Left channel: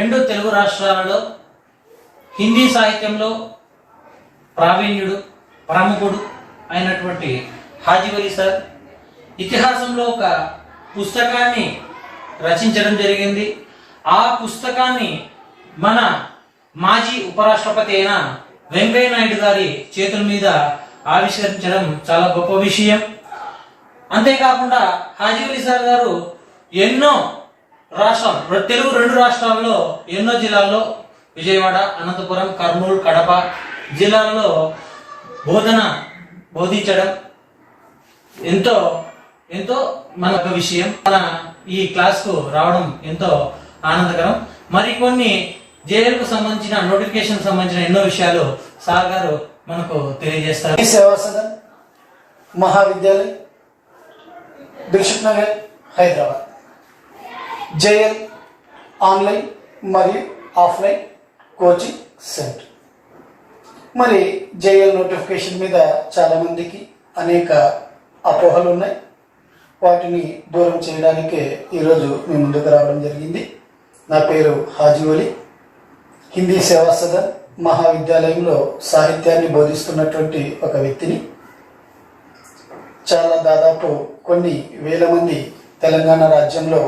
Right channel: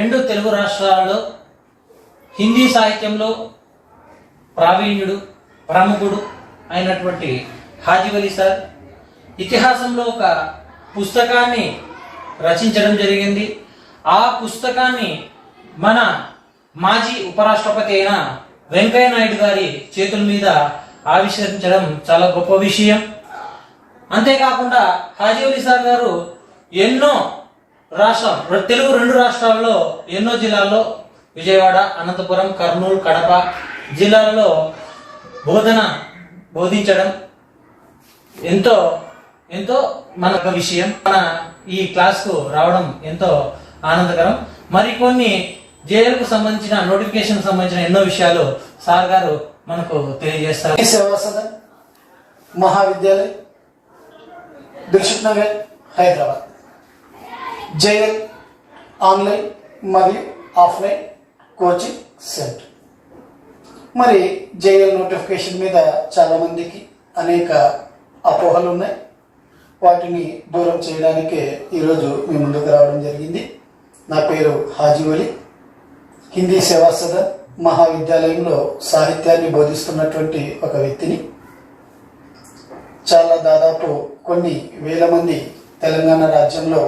రెండు తెలుగు రాష్ట్రాలలో హిందీ సాహిత్యంలో ప్రావీణ్యుడు, ప్రముఖుడు అయినటువంటి హాజీ వలి సార్ ఇతిహాసంలో ఒక పుస్తకాన్ని రచించడం జరిగింది. ఆ పుస్తకాన్ని మన మాజీ ఉపరాష్ట్రపతి అయిన వెంకయ్య నాయుడు గారి చేతుల మీద ఆవిష్కరించడం చాలా గొప్ప విషయం. అంతేకాకుండా హాజీ వలి సార్ గారు ఎన్నో తెలుగు రెండు రాష్ట్రాల్లో ఎన్నో జిల్లాల్లో విజయవాడ, అనంతపురం, కర్నూలు, కడప జిల్లాలలో బోధించడం ఎంతో ఎంతో మనొక విషయం. మన ఈ క్లాస్కు రావడం ఎంతో ఆనందకరం. మరికొన్ని జేఎల్కు సంబంధించిన నోటిఫికేషన్ సంబంధించిన ఎన్నో విషయాలు సార్ గారు మనకు తెలియజేస్తారు. సేవా సదన్ మహావిద్యాలయ, దిల్సుఖ్ నగర్, హైదరాబాద్. జేఎల్ ఆన్లైన్ మరియు ఆఫ్లైన్ కోచింగ్ సెంటర్. మరి జేఎల్ నోటిఫికేషన్ మీద చాలామందికి అనేక అపోహలు ఉన్నాయి. వాటిని దూరం చేయడానికే ఈరోజు మీ ముందుకు రావడం జరిగింది. నా పేరు హాజీ వలి. హిందీ సేవా సదన్ మహావిద్యాలయంలో సాహిత్యాన్ని బోధిస్తున్నటువంటి ఒక వ్యక్తిని. దాదాపు కొన్ని వేల మంది తెలంగాణ రాజ్యంలో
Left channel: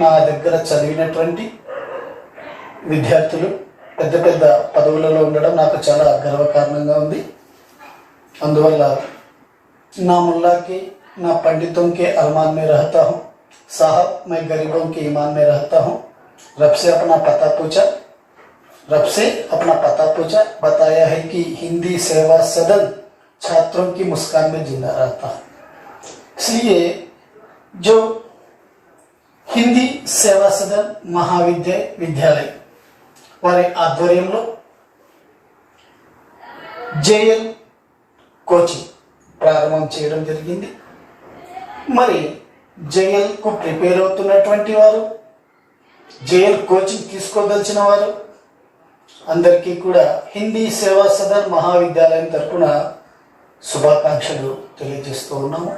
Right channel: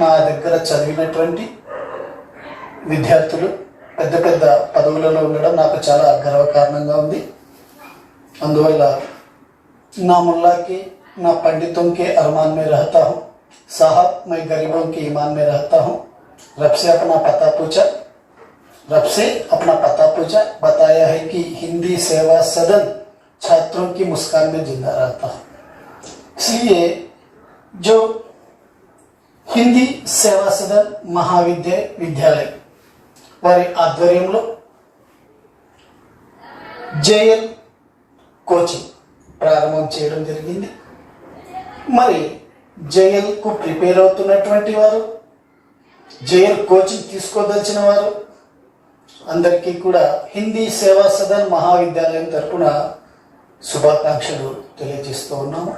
నా దగ్గర చదివినటువంటి విద్యార్థులు పెద్ద పెద్ద పదవులలో ఉండడం నాకు చాలా గర్వకారణంగా ఉంది. అందువల్ల నా मुल्ला के ना पंडितों के अरमान में रहता हूँ, साहब मैं गरीबों के ईमान में रहता हूँ. रब से अपना पता पूछा, बताया है कि हिंदी सेवा सदन छात्रों की मुस्कान में जिंदा रहता है. इसलिए जो हिंदी सेवा सदन महाविद्यालय వారి ఆధ్వర్యంలో జేఎల్ కోచింగ్ ప్రారంభం చేయడం జరిగింది. మరి జేఎల్కు ప్రిపేర్ అవుతున్నటువంటి వారు, జేఎల్ కోచింగ్ తీసుకోదలిచిన వారు అందరికీ కూడా హిందీ సేవా సదన్ మహావిద్యాలయం తరపున శుభాకాంక్షలు తెలియజేస్తూ ఉన్నాము.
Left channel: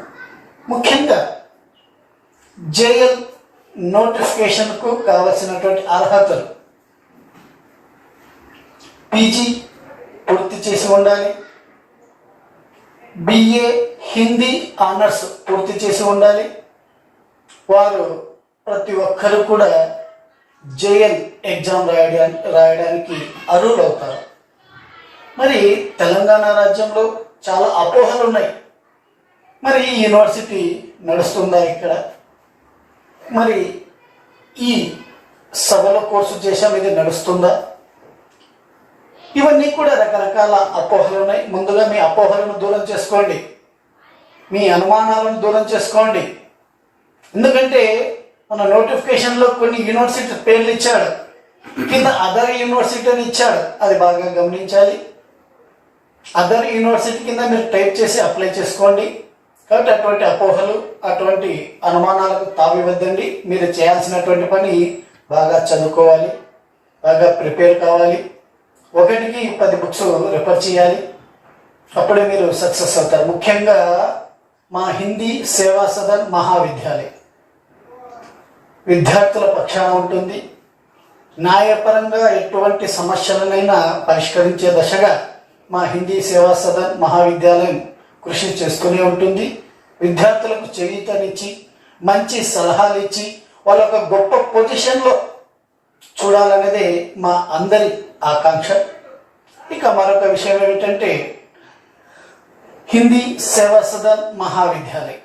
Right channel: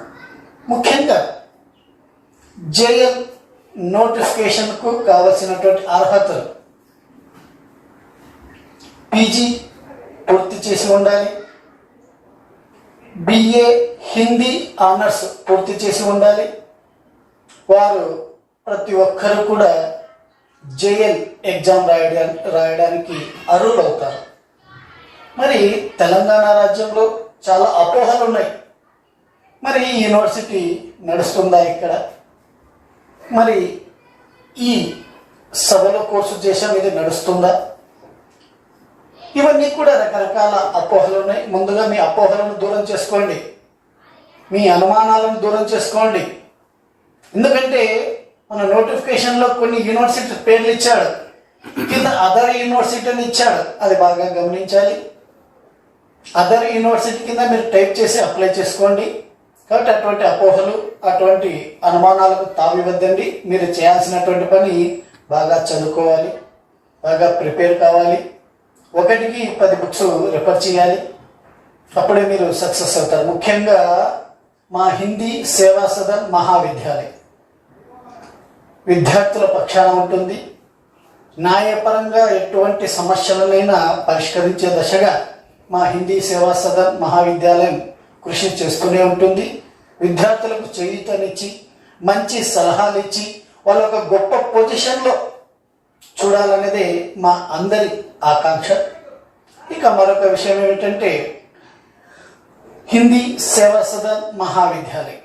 ముఖ్యంగా జేఎల్ నోటిఫికేషన్కు కావలసినటువంటి అర్హతలు: పీజీ పూర్తి చేసి ఉండాలి, బిఏ హిందీ ఆనర్స్ పూర్తి చేసి ఉండాలి. వారు ప్రతి ఒక్కరూ కూడా జేఎల్ ఎగ్జామ్ రాయడానికి అర్హులవుతారు. మరి తెలంగాణ రాజ్యంలో చాలా అపోహలు ఉన్నాయి. మరి ఈ యూనివర్సిటీ నడుస్తుందా ఇక్కడ? మరి ఈ సభలో కోర్సు చేసాం, ఇది నడుస్తుందా? ఇవన్నీ కూడా రకరకాల అపోహలు ఉన్నాయి. ముందుగా మీ అపోహలను దూరం చేసుకోండి, మీ అనుమానాలను దూరం చేసుకోండి. ఎందుకంటే మన నోటిఫికేషన్లో కొన్ని యూనివర్సిటీ పేర్లు ఇచ్చాడు, కింద అదర్ యూనివర్సిటీ అని ఇచ్చాడు. అది బాగా గమనించాలి. అదర్ యూనివర్సిటీ కింద మీరు టైప్ చేసి అప్లై చేసుకోండి. కాబట్టి అటువంటి అపోహలు, అటువంటి అనుమానాలకు తావివద్దండి. మీరు చేయాల్సినటువంటి పని బాగా చదువుకోవాలి, బాగా ప్రిపేర్ కావాలి. 1కి 10 బుక్స్ రిఫర్ చేయాలి. అప్పుడే మీరు సక్సెస్ అవుతారు. ముఖ్యంగా మా హిందీ సేవా సదన్ మహావిద్యాలయం విద్యార్థుల పక్షాన ఉంటుంది. న్యాయపరంగా ఎటువంటి సమస్యలనైనా పరిష్కరించే దశగా మా హిందీ సేవా సదన్ మహావిద్యాలయం కృషి చేస్తూనే ఉంటుంది. విద్యార్థులకు చేయూతనిచ్చి, మంచి సలహాలు ఇచ్చి, వాళ్ళ ఒక గొప్ప పొజిషన్లో చూడాలనేదే మా అందరి ఆకాంక్ష. ఇక మరొక విషయం ఏమిటంటే, హిందీ సేవా సదన్ మహావిద్యాలయం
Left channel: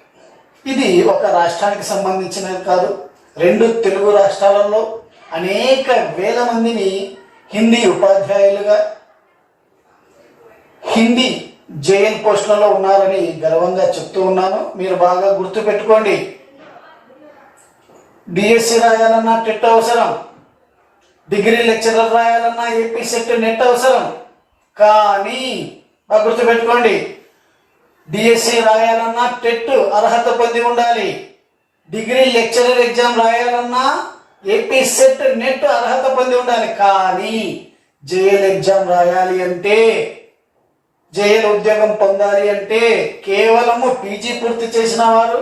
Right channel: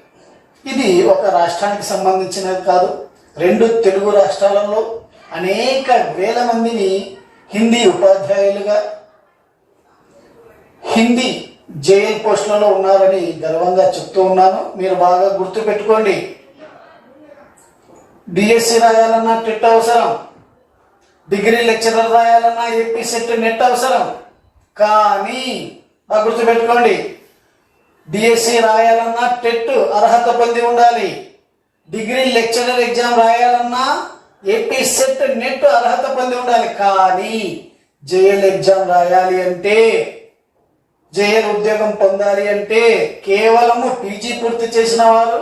ఇది ఒక రాష్ట్రానికి సంబంధించినది కాదు. 2 తెలుగు రాష్ట్రాలలో అనేక వేల మందిని హిందీ ఉపాధ్యాయులుగా, హిందీ జేఎల్ పోస్టులలో ఉన్నారని గర్వంగా చెప్తూ ఉన్నాను. మీరు బాగా గుర్తుపెట్టుకోండి. డిఎస్సి రాయాలన్నా టెట్ అవసరం, డిగ్రీ లెక్చరర్ రాయాలన్నా ఏపీ సెట్ నెట్ అవసరం. కానీ బాగా గుర్తుపెట్టుకోండి, డిఎస్సి రాయాలన్నా టెట్ అర్హత పొంది ఉండాలి. డిగ్రీ లెక్చరర్ ఎగ్జామ్ రాయాలన్నా ఏపీ సెట్ నెట్ అర్హత పొంది ఉండాలి. కానీ జేఎల్ ఎగ్జామ్ రాయాలి అంటే, జేఎల్ ఉద్యోగం పొందాలి అంటే కేవలము పీజీ పూర్తి చేసిన వారు,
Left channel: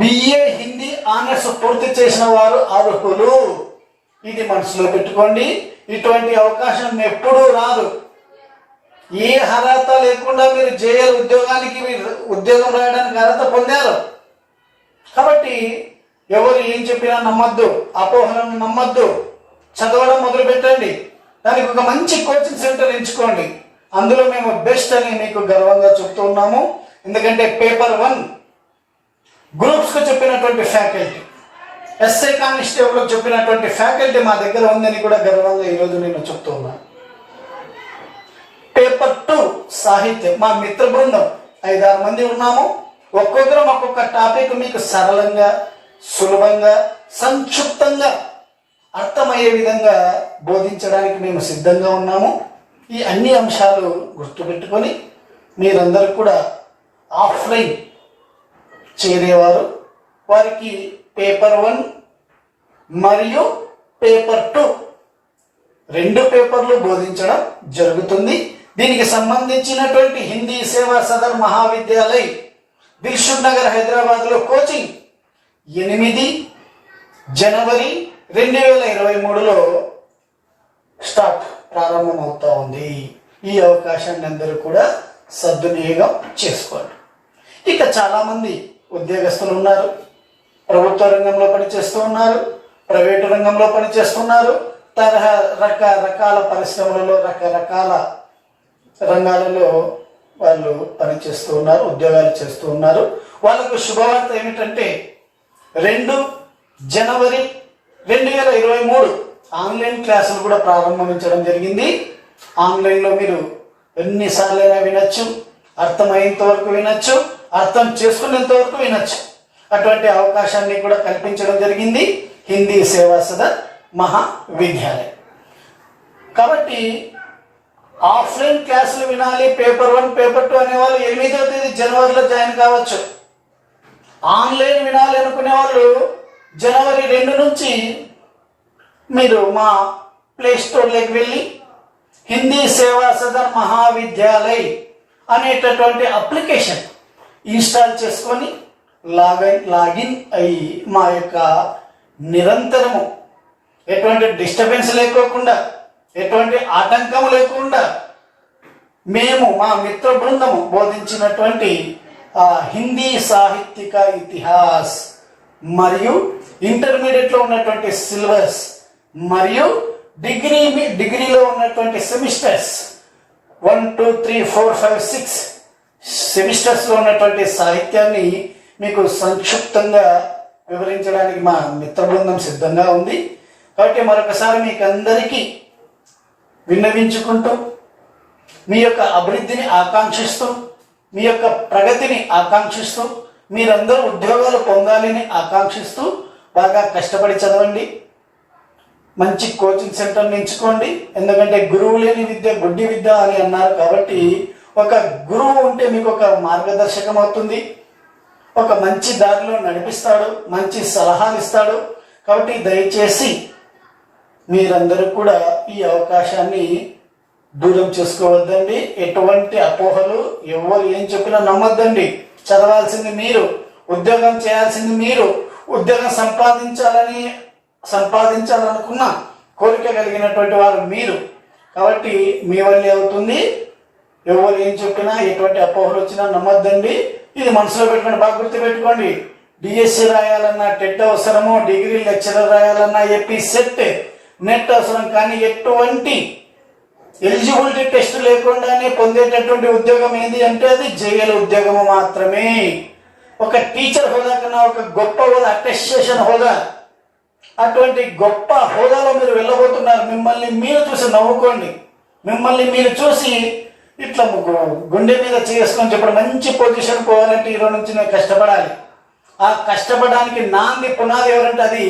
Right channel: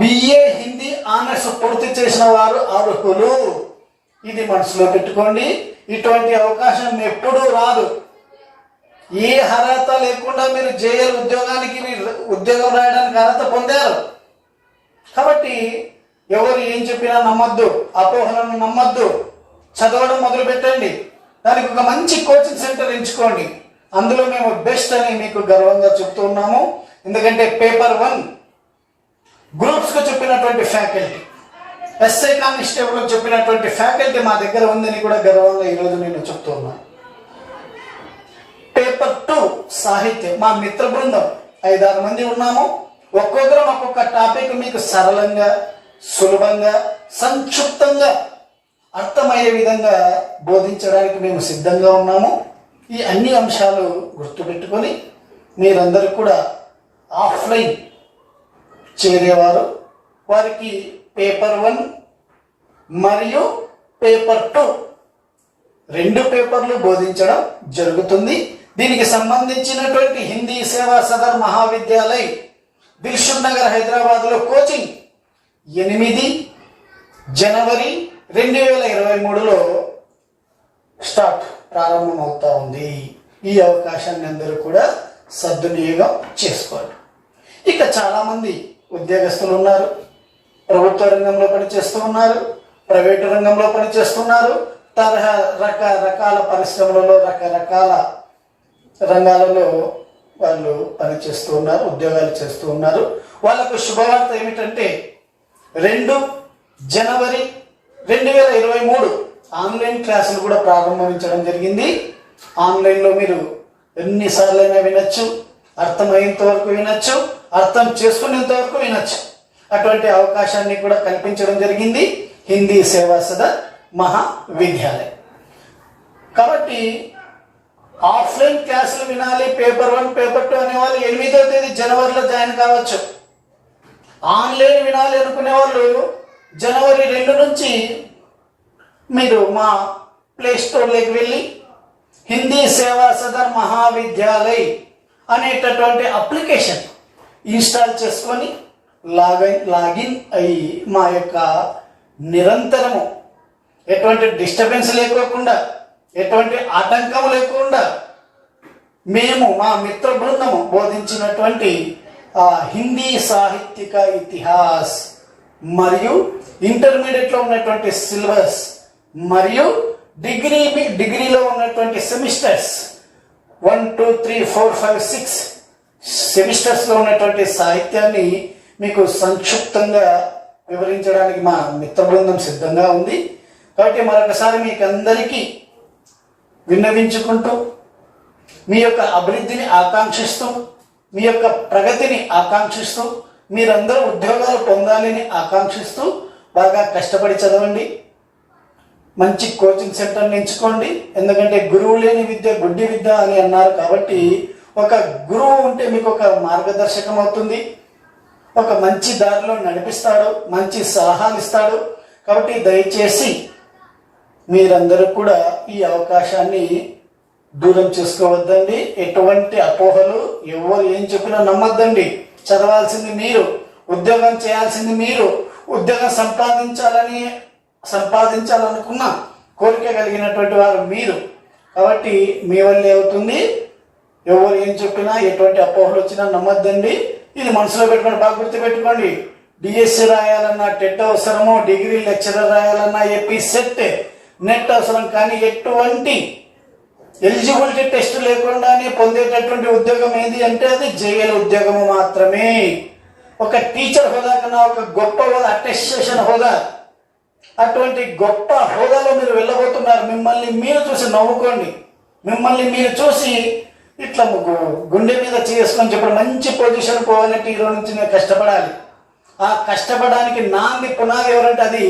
బిఏ హిందీ ఆనర్స్ పూర్తి చేసిన వారు అర్హులు. ఇది మనసులో పెట్టుకోండి. ఇటువంటి అవకాశం ఎప్పుడూ రాదు. ఏ అర్హత లేకుండా మీరు జేఎల్ ఉద్యోగానికి ఉద్యోగం రాయడానికి అర్హత పొందారు. కాబట్టి ఎవరు ఏం చెప్పినా నమ్మద్దు, అపోహలను నమ్మద్దు. చదవడం మొదలు పెట్టండి. దానికి ఒక మంచి కోచింగ్ సెంటర్ ఎంచుకోండి. అందులో మేము బెస్ట్ అని మీకు గర్వంగా చెప్తూ ఉన్నాము. ఎందుకంటే పేపర్ 1 గ్రూప్స్కు చెప్పినటువంటి ఫ్యాకల్టీ, ఎస్ఐ కానిస్టేబుల్కి చెప్పినటువంటి ఫ్యాకల్టీ మా దగ్గర ఉందని కూడా గర్వంగా ఈరోజు నేను చెప్తూ ఉన్నాను. పేపర్ 2 సాహిత్యం, మా మిత్ర బృందం 5-6 మంది ఉన్నాము. ఒక్కొక్కరం ఒక్కొక్క టాపిక్ మీకు సరళంగా, సులభంగా, సంక్షిప్తంగా అర్థమయ్యే విధంగా బోధించడానికి మేము సిద్ధంగా ఉన్నాము. ఈ అన్ని అంశాలు గుర్తుపెట్టుకొని మీరందరూ కూడా ఆఫ్లైన్ చేరేవారు వారికి పేపర్ 1 మరియు పేపర్ 2 2 పేపర్లు బోధించడం జరుగుతుంది. దీనికి సంబంధించినటువంటి హిందీ సేవా సదర్ మహావిద్యాలయ్ దిల్షుక్ నగర్ హైదరాబాద్లో కోచింగ్ 8 జనవరి 2023లో స్టార్ట్ ప్రారంభమవుతా ఉంది. ఈ అవకాశాన్ని అందరూ కూడా సద్వినియోగం చేసుకోండి. ఇక చాలామంది ఉద్యోగస్తులు ఉన్నారు, ప్రభుత్వ రంగంలో పనిచేస్తూ ఉన్నారు, ప్రైవేటు రంగంలో పనిచేస్తున్నారు, రకరకాల పరిశ్రమలలో రకరకాల రంగాలలో వాళ్ళు పనిచేస్తూ ఉన్నారు, ఉద్యోగాలు చేస్తూ ఉన్నారు. వాళ్ళకు శుభవార్త ఏమిటంటే 2 జనవరి 2023 ఆన్లైన్ క్లాసులు కూడా ప్రారంభించడం జరిగింది. ఆన్లైన్లో మీరు ఎన్నిసార్లైనా వినొచ్చు, అర్థమయ్యేంత వరకు వినొచ్చు, అర్థం చేసుకునేంత వరకు వినొచ్చు. అటువంటి అవకాశాన్ని కూడా కల్పించడం జరిగింది హిందీ సేవా సదర్ మహావిద్యాలయం. కాబట్టి ఆఫ్లైన్ క్లాసులు వినాలి, పేపర్ 1 పేపర్ 2 అనేవాళ్ళు 8వ తేదీ జనవరిలో జాయిన్ కావచ్చు. ఆన్లైన్ వినాలి అనుకునే వాళ్ళు జనవరి 2 నుంచి మీరు మా ప్లే స్టోర్లోకి వెళ్ళి హిందీ సేవా సదర్ మహావిద్యాలయ్ అనేటటువంటి అప్లికేషన్ ఇన్స్టాల్ చేసుకొని లాగిన్ అయ్యి మా యొక్క నిరంతరము ఎటువంటి డిస్టర్బెన్స్ లేకోకుండా, ఎటువంటి ఆటంకం లేకుండా మేము మా మిత్ర బృందము బోధించినటువంటి హిందీ సాహిత్యక ఇతిహాస్ మరియు ఇంటర్మీడియట్లో ఉన్నటువంటి సిలబస్ మరియు డిగ్రీలో ఉన్నటువంటి సెమిస్టర్స్ 1, 2, 3, 4, 5, 6 సెమిస్టర్స్లో ఉన్నటువంటి సాహిత్యాన్ని మీకు సంక్షిప్తంగా వివరించడానికి మా మిత్ర బృందం సిద్ధంగా ఉంది. కాబట్టి మరొకసారి మీకు అందరికీ విన్నవించుకుంటూ మీ యొక్క అభివృద్ధిని ఆకాంక్షిస్తూ, మీ యొక్క ప్రగతిని ఆకాంక్షిస్తూ, మీరందరూ ఉద్యోగాలు పొందాలని ఆకాంక్షిస్తూ బాగా కష్టపడి చదవండి. మంచి కోచింగ్ సెంటర్ని ఎంచుకోండి. ఎందుకంటే గురువు లేని విద్య గుడ్డి విద్య అని అన్నారు. కాబట్టి ఒక గురువు ఉంటే మీకు ఒక మార్గదర్శకం అవుతుంది, ఒక మంచి దారిలో నడిపిస్తాడు, మంచి సలహాలు ఇస్తాడు. కాబట్టి దయచేసి మీరందరూ కూడా ఈ అవకాశాన్ని దూరం చేసుకోవద్దండి. ఎటువంటి అపోహలు ఎవరు ఏం చెప్పినా నమ్మద్దండి. చదవాల్సింది మీరు, ఉద్యోగం చేయాల్సింది మీరు, ఉద్యోగం సంపాదించాలనుకున్న కోరిక కలిగినటువంటి వారు మీరు. కాబట్టి మీ వల్లే అవుతుంది. ఎవరు ఏం చెప్పినా, ఎటువంటి అపోహలు వచ్చినా నమ్మద్దండి. ఇది మనసులో పెట్టుకోండి, బాగా గుర్తుపెట్టుకోండి. డిఎస్సి రాయాలన్నా టెట్ అవసరము, డిగ్రీ లెక్చరర్ రాయాలన్నా ఏపీ సెట్ నెట్ అవసరం. కానీ ఎటువంటి ఎలిజిబిలిటీ టెస్ట్ లేకుండానే పొందేటటువంటి ఉద్యోగం ఏంటి అంటే అది జేఎల్ ఉద్యోగము మాత్రమే. ఒక టీచర్ హోదా కన్నా ఒక గొప్ప హోదా, అటెస్టేషన్ హోదా, అటువంటి గొప్ప హోదాలో మీరు వెళ్ళబోతున్నారు. మిమ్మల్ని మీరు చూసి నవ్వుకోండి. మిమ్మల్ని మీరు చూసి ఇట్లా గుండె మీద చేసుకొని చెప్పడం, మంచి పొజిషన్ పోవాలంటే ఈరోజు నుంచి నేను కష్టపడాలి. ఆ కష్టపడడానికి నాంది పునాది ఎవరంటే అది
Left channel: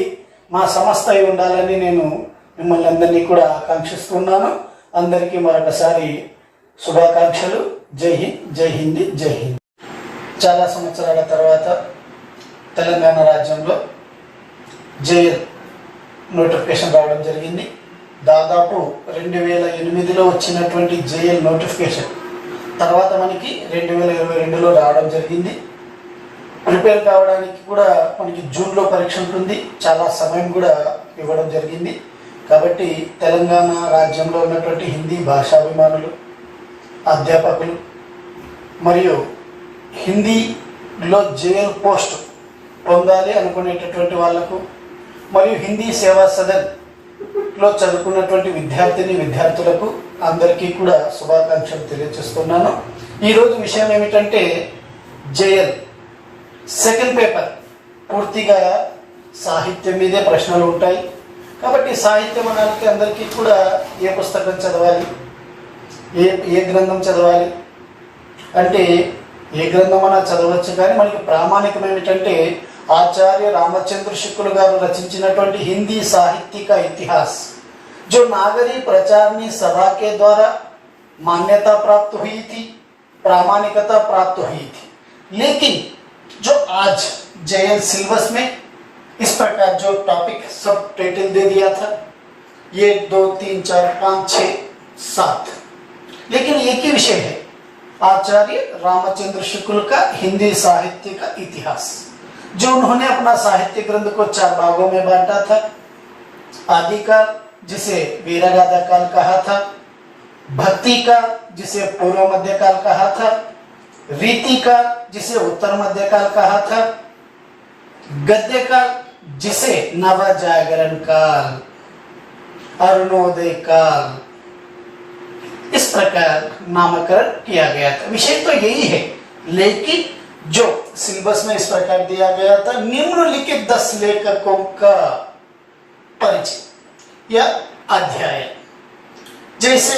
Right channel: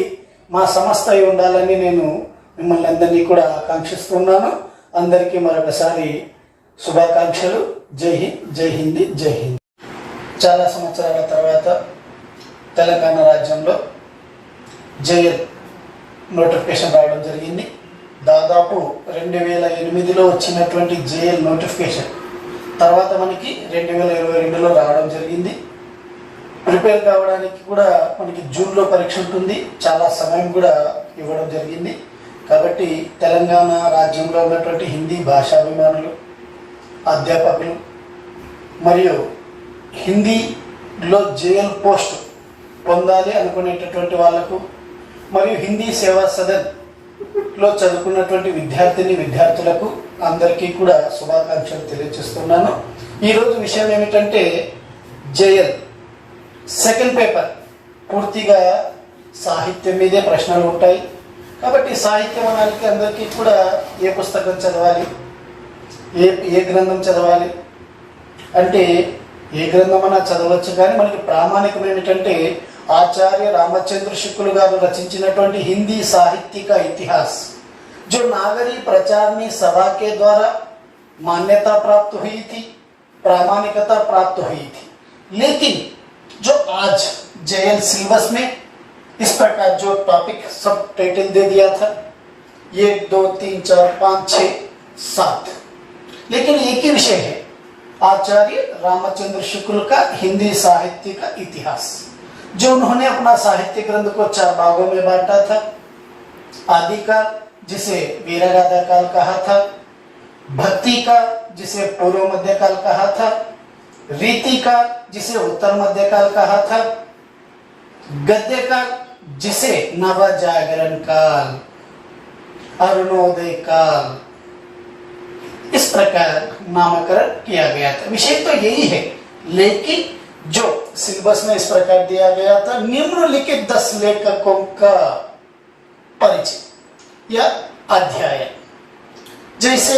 మా సంస్థ అయి ఉండాలని నేను మిమ్మల్ని అందరినీ కూడా ఆకాంక్షిస్తున్నాను. అందరికీ మరొకసారి శుభాకాంక్షలు. జై హింద్, జై హిందీ, జై హింద్. చాలా సంవత్సరాల తర్వాత తెలంగాణ రాజ్యంలో జేఎల్ నోటిఫికేషన్ రావడం జరిగింది. దాదాపు 2008లో వచ్చినటువంటి జేఎల్ నోటిఫికేషన్ తర్వాత మనకి 2022లో రావడం జరిగింది. ప్రిపేర్ కావడానికి కూడా మనకి జూన్లో పరీక్ష ఉంటుంది. చాలా సమయం కూడా ఇవ్వడం జరిగింది. కాబట్టి తెలంగాణ రాజ్యంలో ఉన్నటువంటి హిందీ భాషాభిమానులు, అధ్యాపకులు మరియు హిందీలో జేఎల్ పోస్ట్ పొందాలి అనుకునేటటువంటి వాళ్లకు మరియు హిందీ సేవా సదన్లో చదువుకున్నటువంటి విద్యార్థులకు అందరికీ కూడా శుభాకాంక్షలు తెలియజేస్తున్నాను. ఈరోజు విషయం ఏమిటంటే జేఎల్ సెకండ్ పేపర్ పూర్తిగా సాహిత్యం మీదే ప్రశ్నలు ఉంటాయి. కాబట్టి సాహిత్యం అనాలకి అందరికీ కూడా ఏ పుస్తకం చదవాలి, ఏ గ్రంథం చదవాలి అంటే ఏ గ్రంథం అన్నా చదవచ్చు, కానీ మనకి ప్రామాణికం ఏమిటంటే ఆచార్య రాमचंद्र शुक्ल గారు రచించినటువంటి హిందీ సాహిత్య इतिहास जो नागरी प्रचारणी सभा के द्वारा मान्यता प्राप्त हुई थी, प्रामाणिकता प्राप्त हुई थी. लेकिन जो आज जेएल सिलेबस में इस प्रकार जो टॉपिक सब टाइटल दे दिया था 1 2 3 4 5 6 7, लेकिन एक ही विषय है आचार्य रामचंद्र शुक्ल का हिंदी साहित्य का इतिहास, जो उन्होंने अपना साहित्य ग्रंथ को 4 भागों में बांटा था. आदिकाल जिसे वीरगाथा काल कहा था, भक्ति काल जिसे पूर्व मध्यकाल कहा था, रीति काल जिसे उत्तर मध्यकाल कहा था, गद्य काल जिसे नव जागरण काल, अरुणोदय काल, इस प्रकार नामकरण किया गया था. विषय तो यही है, लेकिन जो सिलेबस में इस प्रकार दिया गया था निम्नलिखित 10 लेखकों का परिचय या अध्याय. जैसे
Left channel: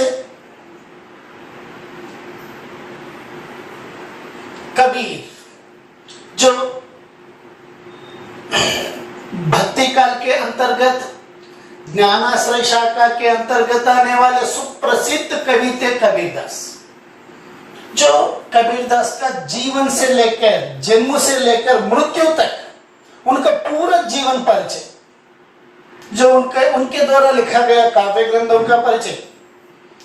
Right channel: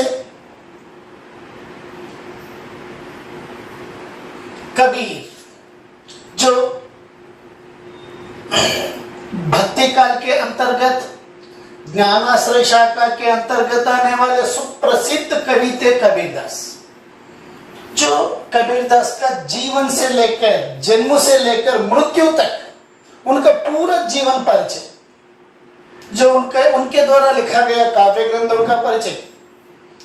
कबीर जो भक्ति काल के अंतर्गत ज्ञानाश्रय शाखा के अंतर्गत आने वाले सुप्रसिद्ध कवि थे कबीरदास, जो कबीरदास का जीवन से लेकर जन्म से लेकर मृत्यु तक उनका पूरा जीवन परिचय, जो उनके द्वारा लिखा गया काव्य ग्रंथों का परिचय,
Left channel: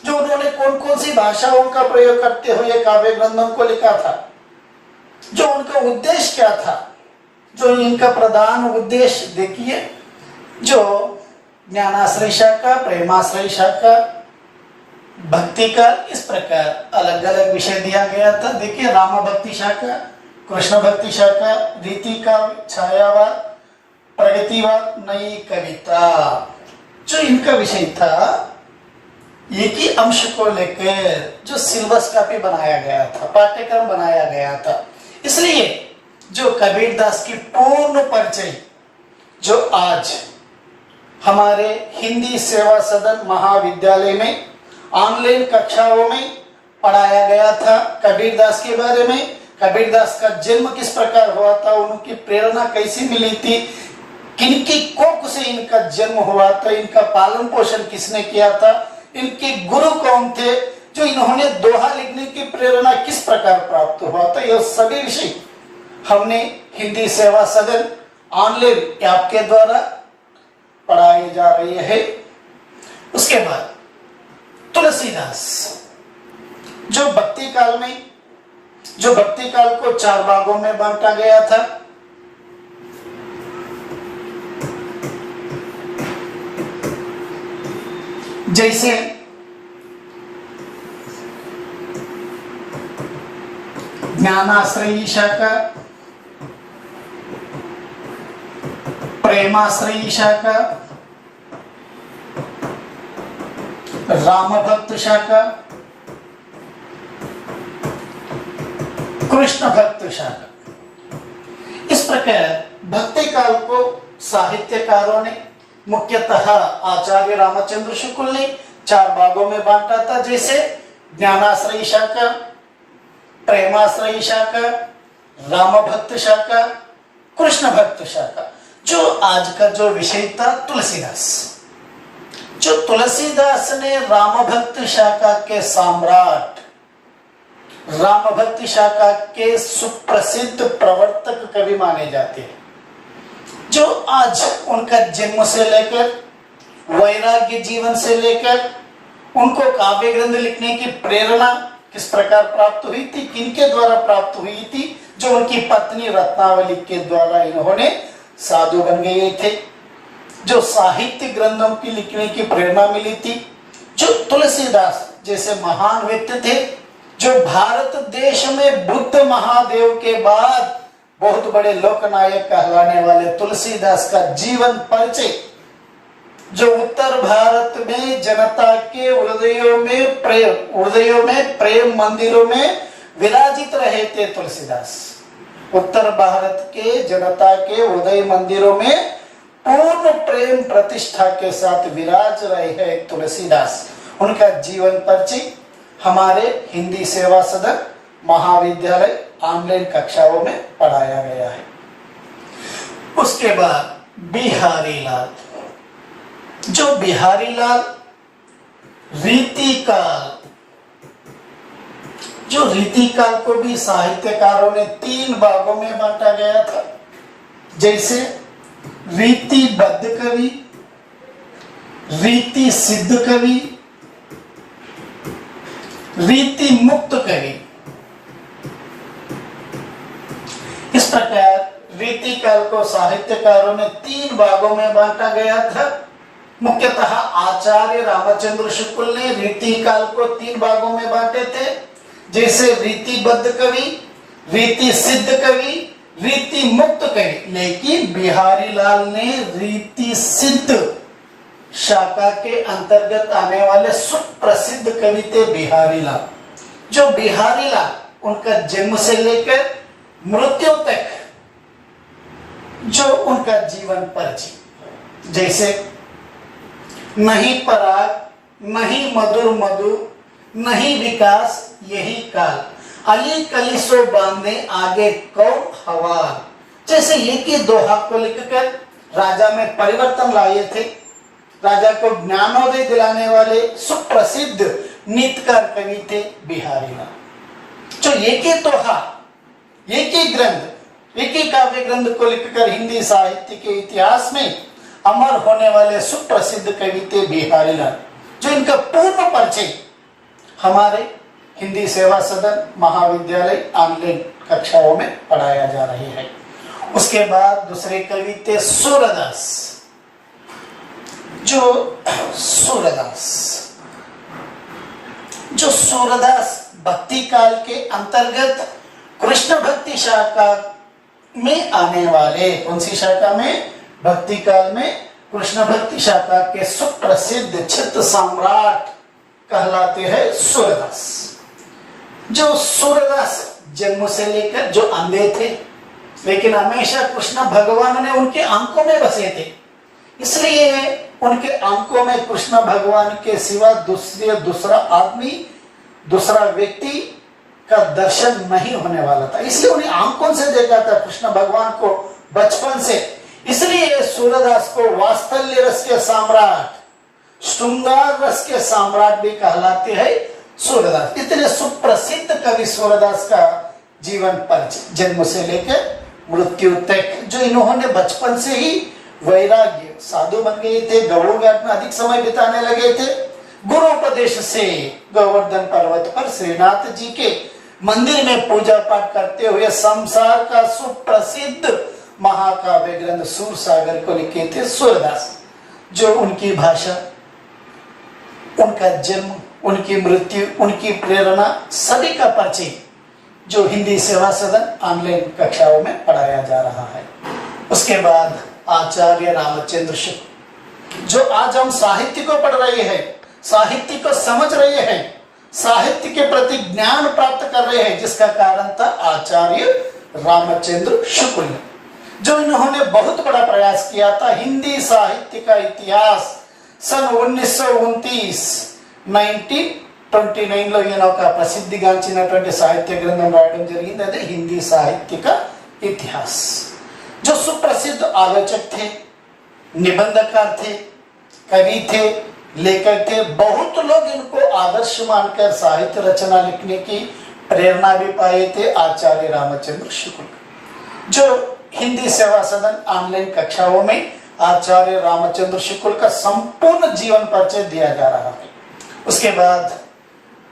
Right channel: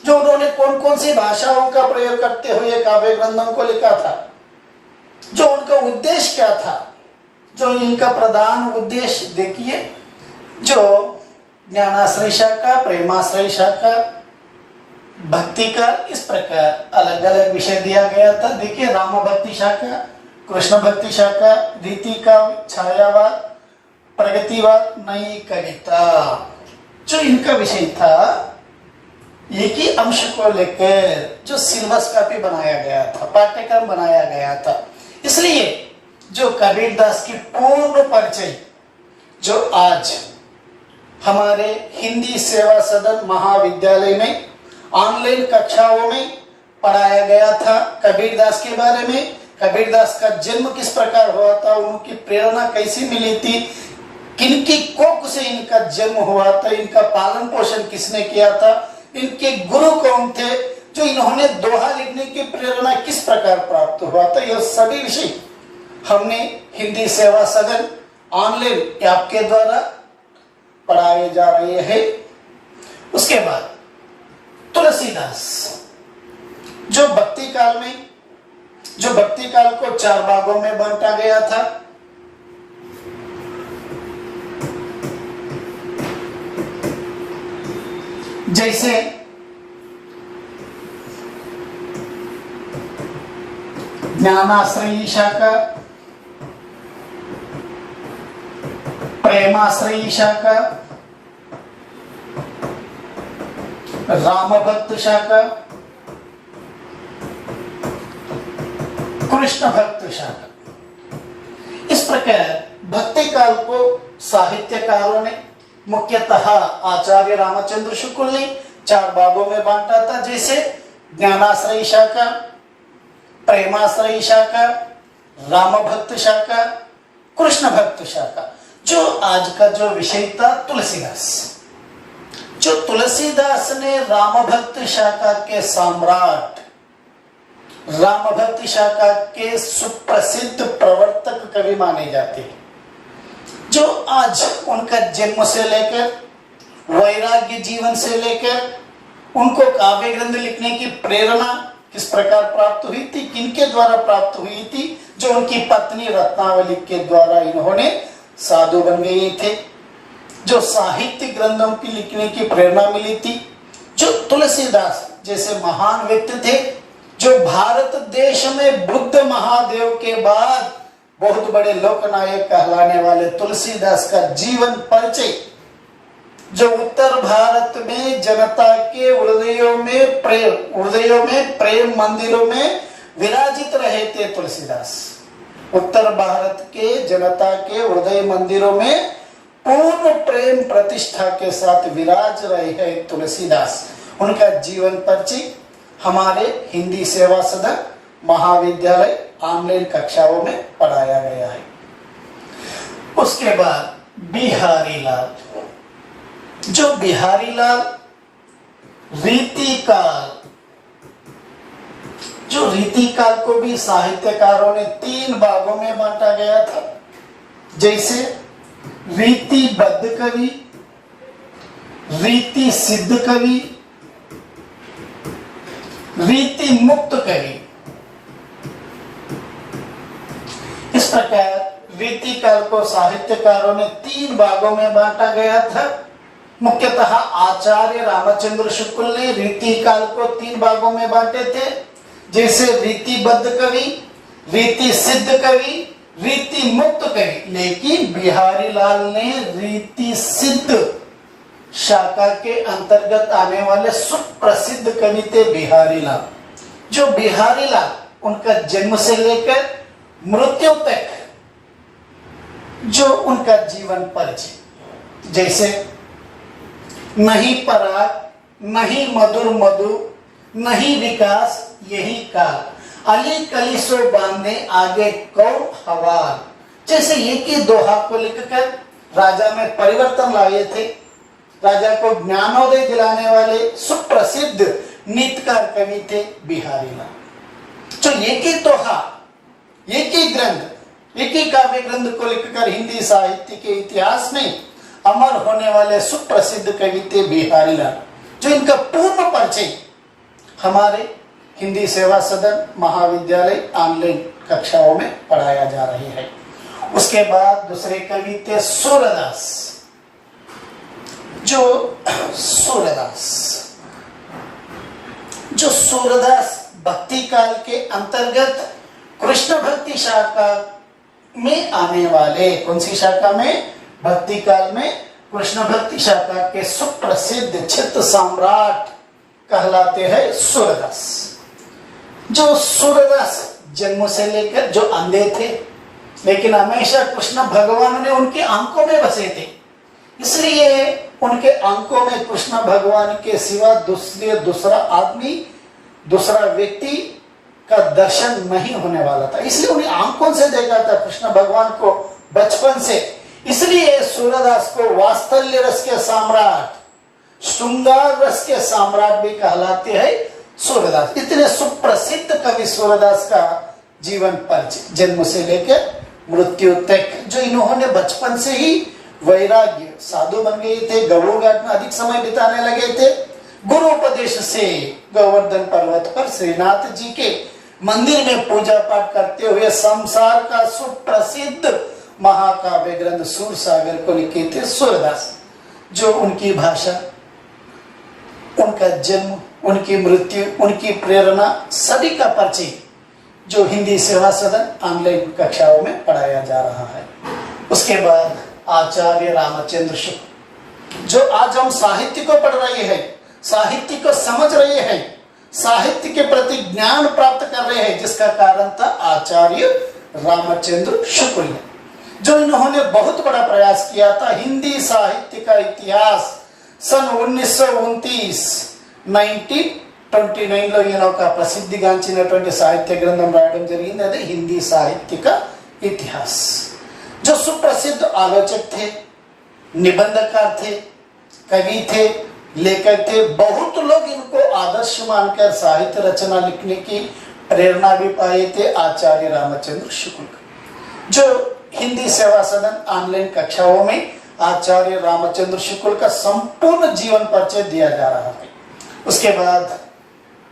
जो उन्होंने कौन कौन सी भाषाओं का प्रयोग करते हुए काव्य ग्रंथों को लिखा था, जो उनका उद्देश्य क्या था, जो इनका प्रधान उद्देश्य देखिए, जो ज्ञानाश्रय शाखा, प्रेमाश्रय शाखा, भक्ति का, इस प्रकार अलग अलग विषय दिया गया था. देखिए राम भक्ति शाखा, कृष्ण भक्ति शाखा, रीति का, छायावाद, प्रगतिवाद, नई कविता, जो इनका विषय था एक ही अंश को लेकर जो सिलेबस काफी बनाया गया था, पाठ्यक्रम बनाया गया था. इसलिए जो कबीरदास की पूर्ण परिचय जो आज हमारे हिंदी सेवा सदन महाविद्यालय में ऑनलाइन कक्षाओं में पढ़ाया गया था, कबीरदास के बारे में, कबीरदास का जन्म किस प्रकार हुआ था, उनकी प्रेरणा कैसी मिली थी, किनकी कोख से इनका जन्म हुआ था, इनका पालन पोषण किसने किया था, इनके गुरु कौन थे, जो इन्होंने दोहा लिखने की प्रेरणा किस प्रकार प्राप्त हुआ था, यह सभी विषय हमने हिंदी सेवा सदन ऑनलाइन ऐप के द्वारा पढ़ाए जा रहे हैं. उसके बाद तुलसीदास जो भक्ति काल को 4 भागों में बांटा गया था. जैसे ज्ञानाश्रयी शाखा, प्रेमाश्रयी शाखा, राम भक्त शाखा, कृष्ण भक्त शाखा. इस प्रकार भक्ति काल को साहित्यकारों ने मुख्यतः आचार्य रामचंद्र शुक्ल ने 4 भागों में बांटा था. जैसे ज्ञानाश्रयी शाखा, प्रेमाश्रयी शाखा, राम भक्त शाखा, कृष्ण भक्त शाखा. जो आज का जो विषय था तुलसीदास, जो तुलसीदास ने राम भक्त शाखा के सम्राट, राम भक्त शाखा के सुप्रसिद्ध प्रवर्तक कवि माने जाते हैं, जो आज उनका जन्म से लेकर वैराग्य जीवन से लेकर उनको काव्य ग्रंथ लिखने की प्रेरणा किस प्रकार प्राप्त हुई थी, किनके द्वारा प्राप्त हुई थी, जो उनकी पत्नी रत्नावली के द्वारा इन्होंने साधु बन गए थे. जो साहित्य ग्रंथों की लिखने की प्रेरणा मिली थी, जो तुलसीदास जैसे महान व्यक्ति थे, जो भारत देश में बुद्ध महादेव के बाद बहुत बड़े लोकनायक कहलाने वाले तुलसीदास का जीवन परिचय, जो उत्तर भारत में जनता के हृदयों में प्रेम मंदिरों में विराजित रहे थे तुलसीदास। उत्तर भारत के जनता के हृदय मंदिरों में पूर्ण प्रेम प्रतिष्ठा के साथ विराज रहे हैं तुलसीदास। उनका जीवन परिचय हमारे हिंदी सेवा सदन महाविद्यालय ऑनलाइन कक्षाओं में पढ़ाया गया है। उसके बाद बिहारी लाल, जो बिहारी लाल रीतिकाल, जो रीतिकाल को भी साहित्यकारों ने 3 भागों में बांटा गया था, जैसे रीतिबद्ध कवि, रीति सिद्ध कवि, रीति मुक्त कवि। इस प्रकार रीतिकाल को साहित्यकारों ने 3 भागों में बांटा गया था। मुख्यतः आचार्य रामचंद्र शुक्ल ने रीतिकाल को 3 भागों में बांटे थे, जैसे रीतिबद्ध कवि, रीति सिद्ध कवि, रीति मुक्त कवि। लेकिन बिहारी लाल ने रीति सिद्ध शाखा के अंतर्गत आने वाले सुप्रसिद्ध कवि थे बिहारी लाल। जो बिहारी लाल, उनका जन्म से लेकर मृत्यु तक जो उनका जीवन परिचय, जैसे नहीं पराग, नहीं मधुर मधु, नहीं विकास यही काल, अली कलिसो बांधे आगे कौन हवार, जैसे एक ही दोहा को लिखकर राजा में परिवर्तन लाए थे। राजा को ज्ञानोदय दिलाने वाले सुप्रसिद्ध नीतकार कवि थे बिहारी लाल। जो एक ही दोहा, एक ही ग्रंथ, एक ही काव्य ग्रंथ को लिखकर हिंदी साहित्य के इतिहास में अमर होने वाले सुप्रसिद्ध कवि थे बिहारी लाल। जो इनका पूर्ण परिचय हमारे हिंदी सेवा सदन महाविद्यालय ऑनलाइन कक्षाओं में पढ़ाया जा रही है। उसके बाद दूसरे कवि थे सूरदास। जो सूरदास भक्ति काल के अंतर्गत कृष्ण भक्ति शाखा में आने वाले, कौन सी शाखा में? भक्ति काल में कृष्ण भक्ति शाखा के सुप्रसिद्ध चित्त सम्राट कहलाते हैं सूरदास। जो सूरदास जन्म से लेकर जो अंधे थे, लेकिन हमेशा कृष्ण भगवान ने उनके आंखों में बसे थे, इसलिए उनके आंखों में कृष्ण भगवान के सिवा दूसरा आदमी, दूसरा व्यक्ति का दर्शन नहीं होने वाला था। इसलिए उन्हें आंखों से देखा था कृष्ण भगवान को बचपन से। इसलिए सूरदास को वात्सल्य रस के सम्राट, श्रृंगार रस के सम्राट भी कहलाते हैं सूरदास। इतने सुप्रसिद्ध कवि सूरदास का जीवन परिचय, जन्म से लेकर मृत्यु तक। जो इन्होंने बचपन से ही वैराग्य, साधु बन गए थे, गौड़ घाट में अधिक समय बिताने लगे थे। गुरु उपदेश से गोवर्धन पर्वत पर श्रीनाथ जी के मंदिर में पूजा पाठ करते हुए संसार का सुप्रसिद्ध महाकाव्य ग्रंथ सूरसागर को लिखे थे सूरदास। जो उनकी भाषा, उनका जन्म, उनकी मृत्यु, उनकी प्रेरणा, सभी का परिचय जो हिंदी सेवा सदन ऑनलाइन कक्षाओं में पढ़ाया जा रहा है। उसके बाद आचार्य रामचंद्र शुक्ल। जो आज हम साहित्य को पढ़ रहे हैं, साहित्य को समझ रहे हैं, साहित्य के प्रति ज्ञान प्राप्त कर रहे हैं, जिसका कारण था आचार्य रामचंद्र शुक्ल। जो इन्होंने बहुत बड़ा प्रयास किया था हिंदी साहित्य का इतिहास सन 1929 1929 లో ఈయన ఒక ప్రసిద్ధిగాంచినటువంటి సాహిత్య గ్రంథం రాయడం జరిగింది, అదే హిందీ సాహిత్య का इतिहास। जो सुप्रसिद्ध आलोचक थे, निबंधकार थे, कवि थे, लेखक थे। बहुत लोग इनको आदर्श मानकर साहित्य रचना लिखने की प्रेरणा भी पाए थे आचार्य रामचंद्र शुक्ल। जो हिंदी सेवा सदन ऑनलाइन कक्षाओं में आचार्य रामचंद्र शुक्ल का संपूर्ण जीवन परिचय दिया जा रहा है। उसके बाद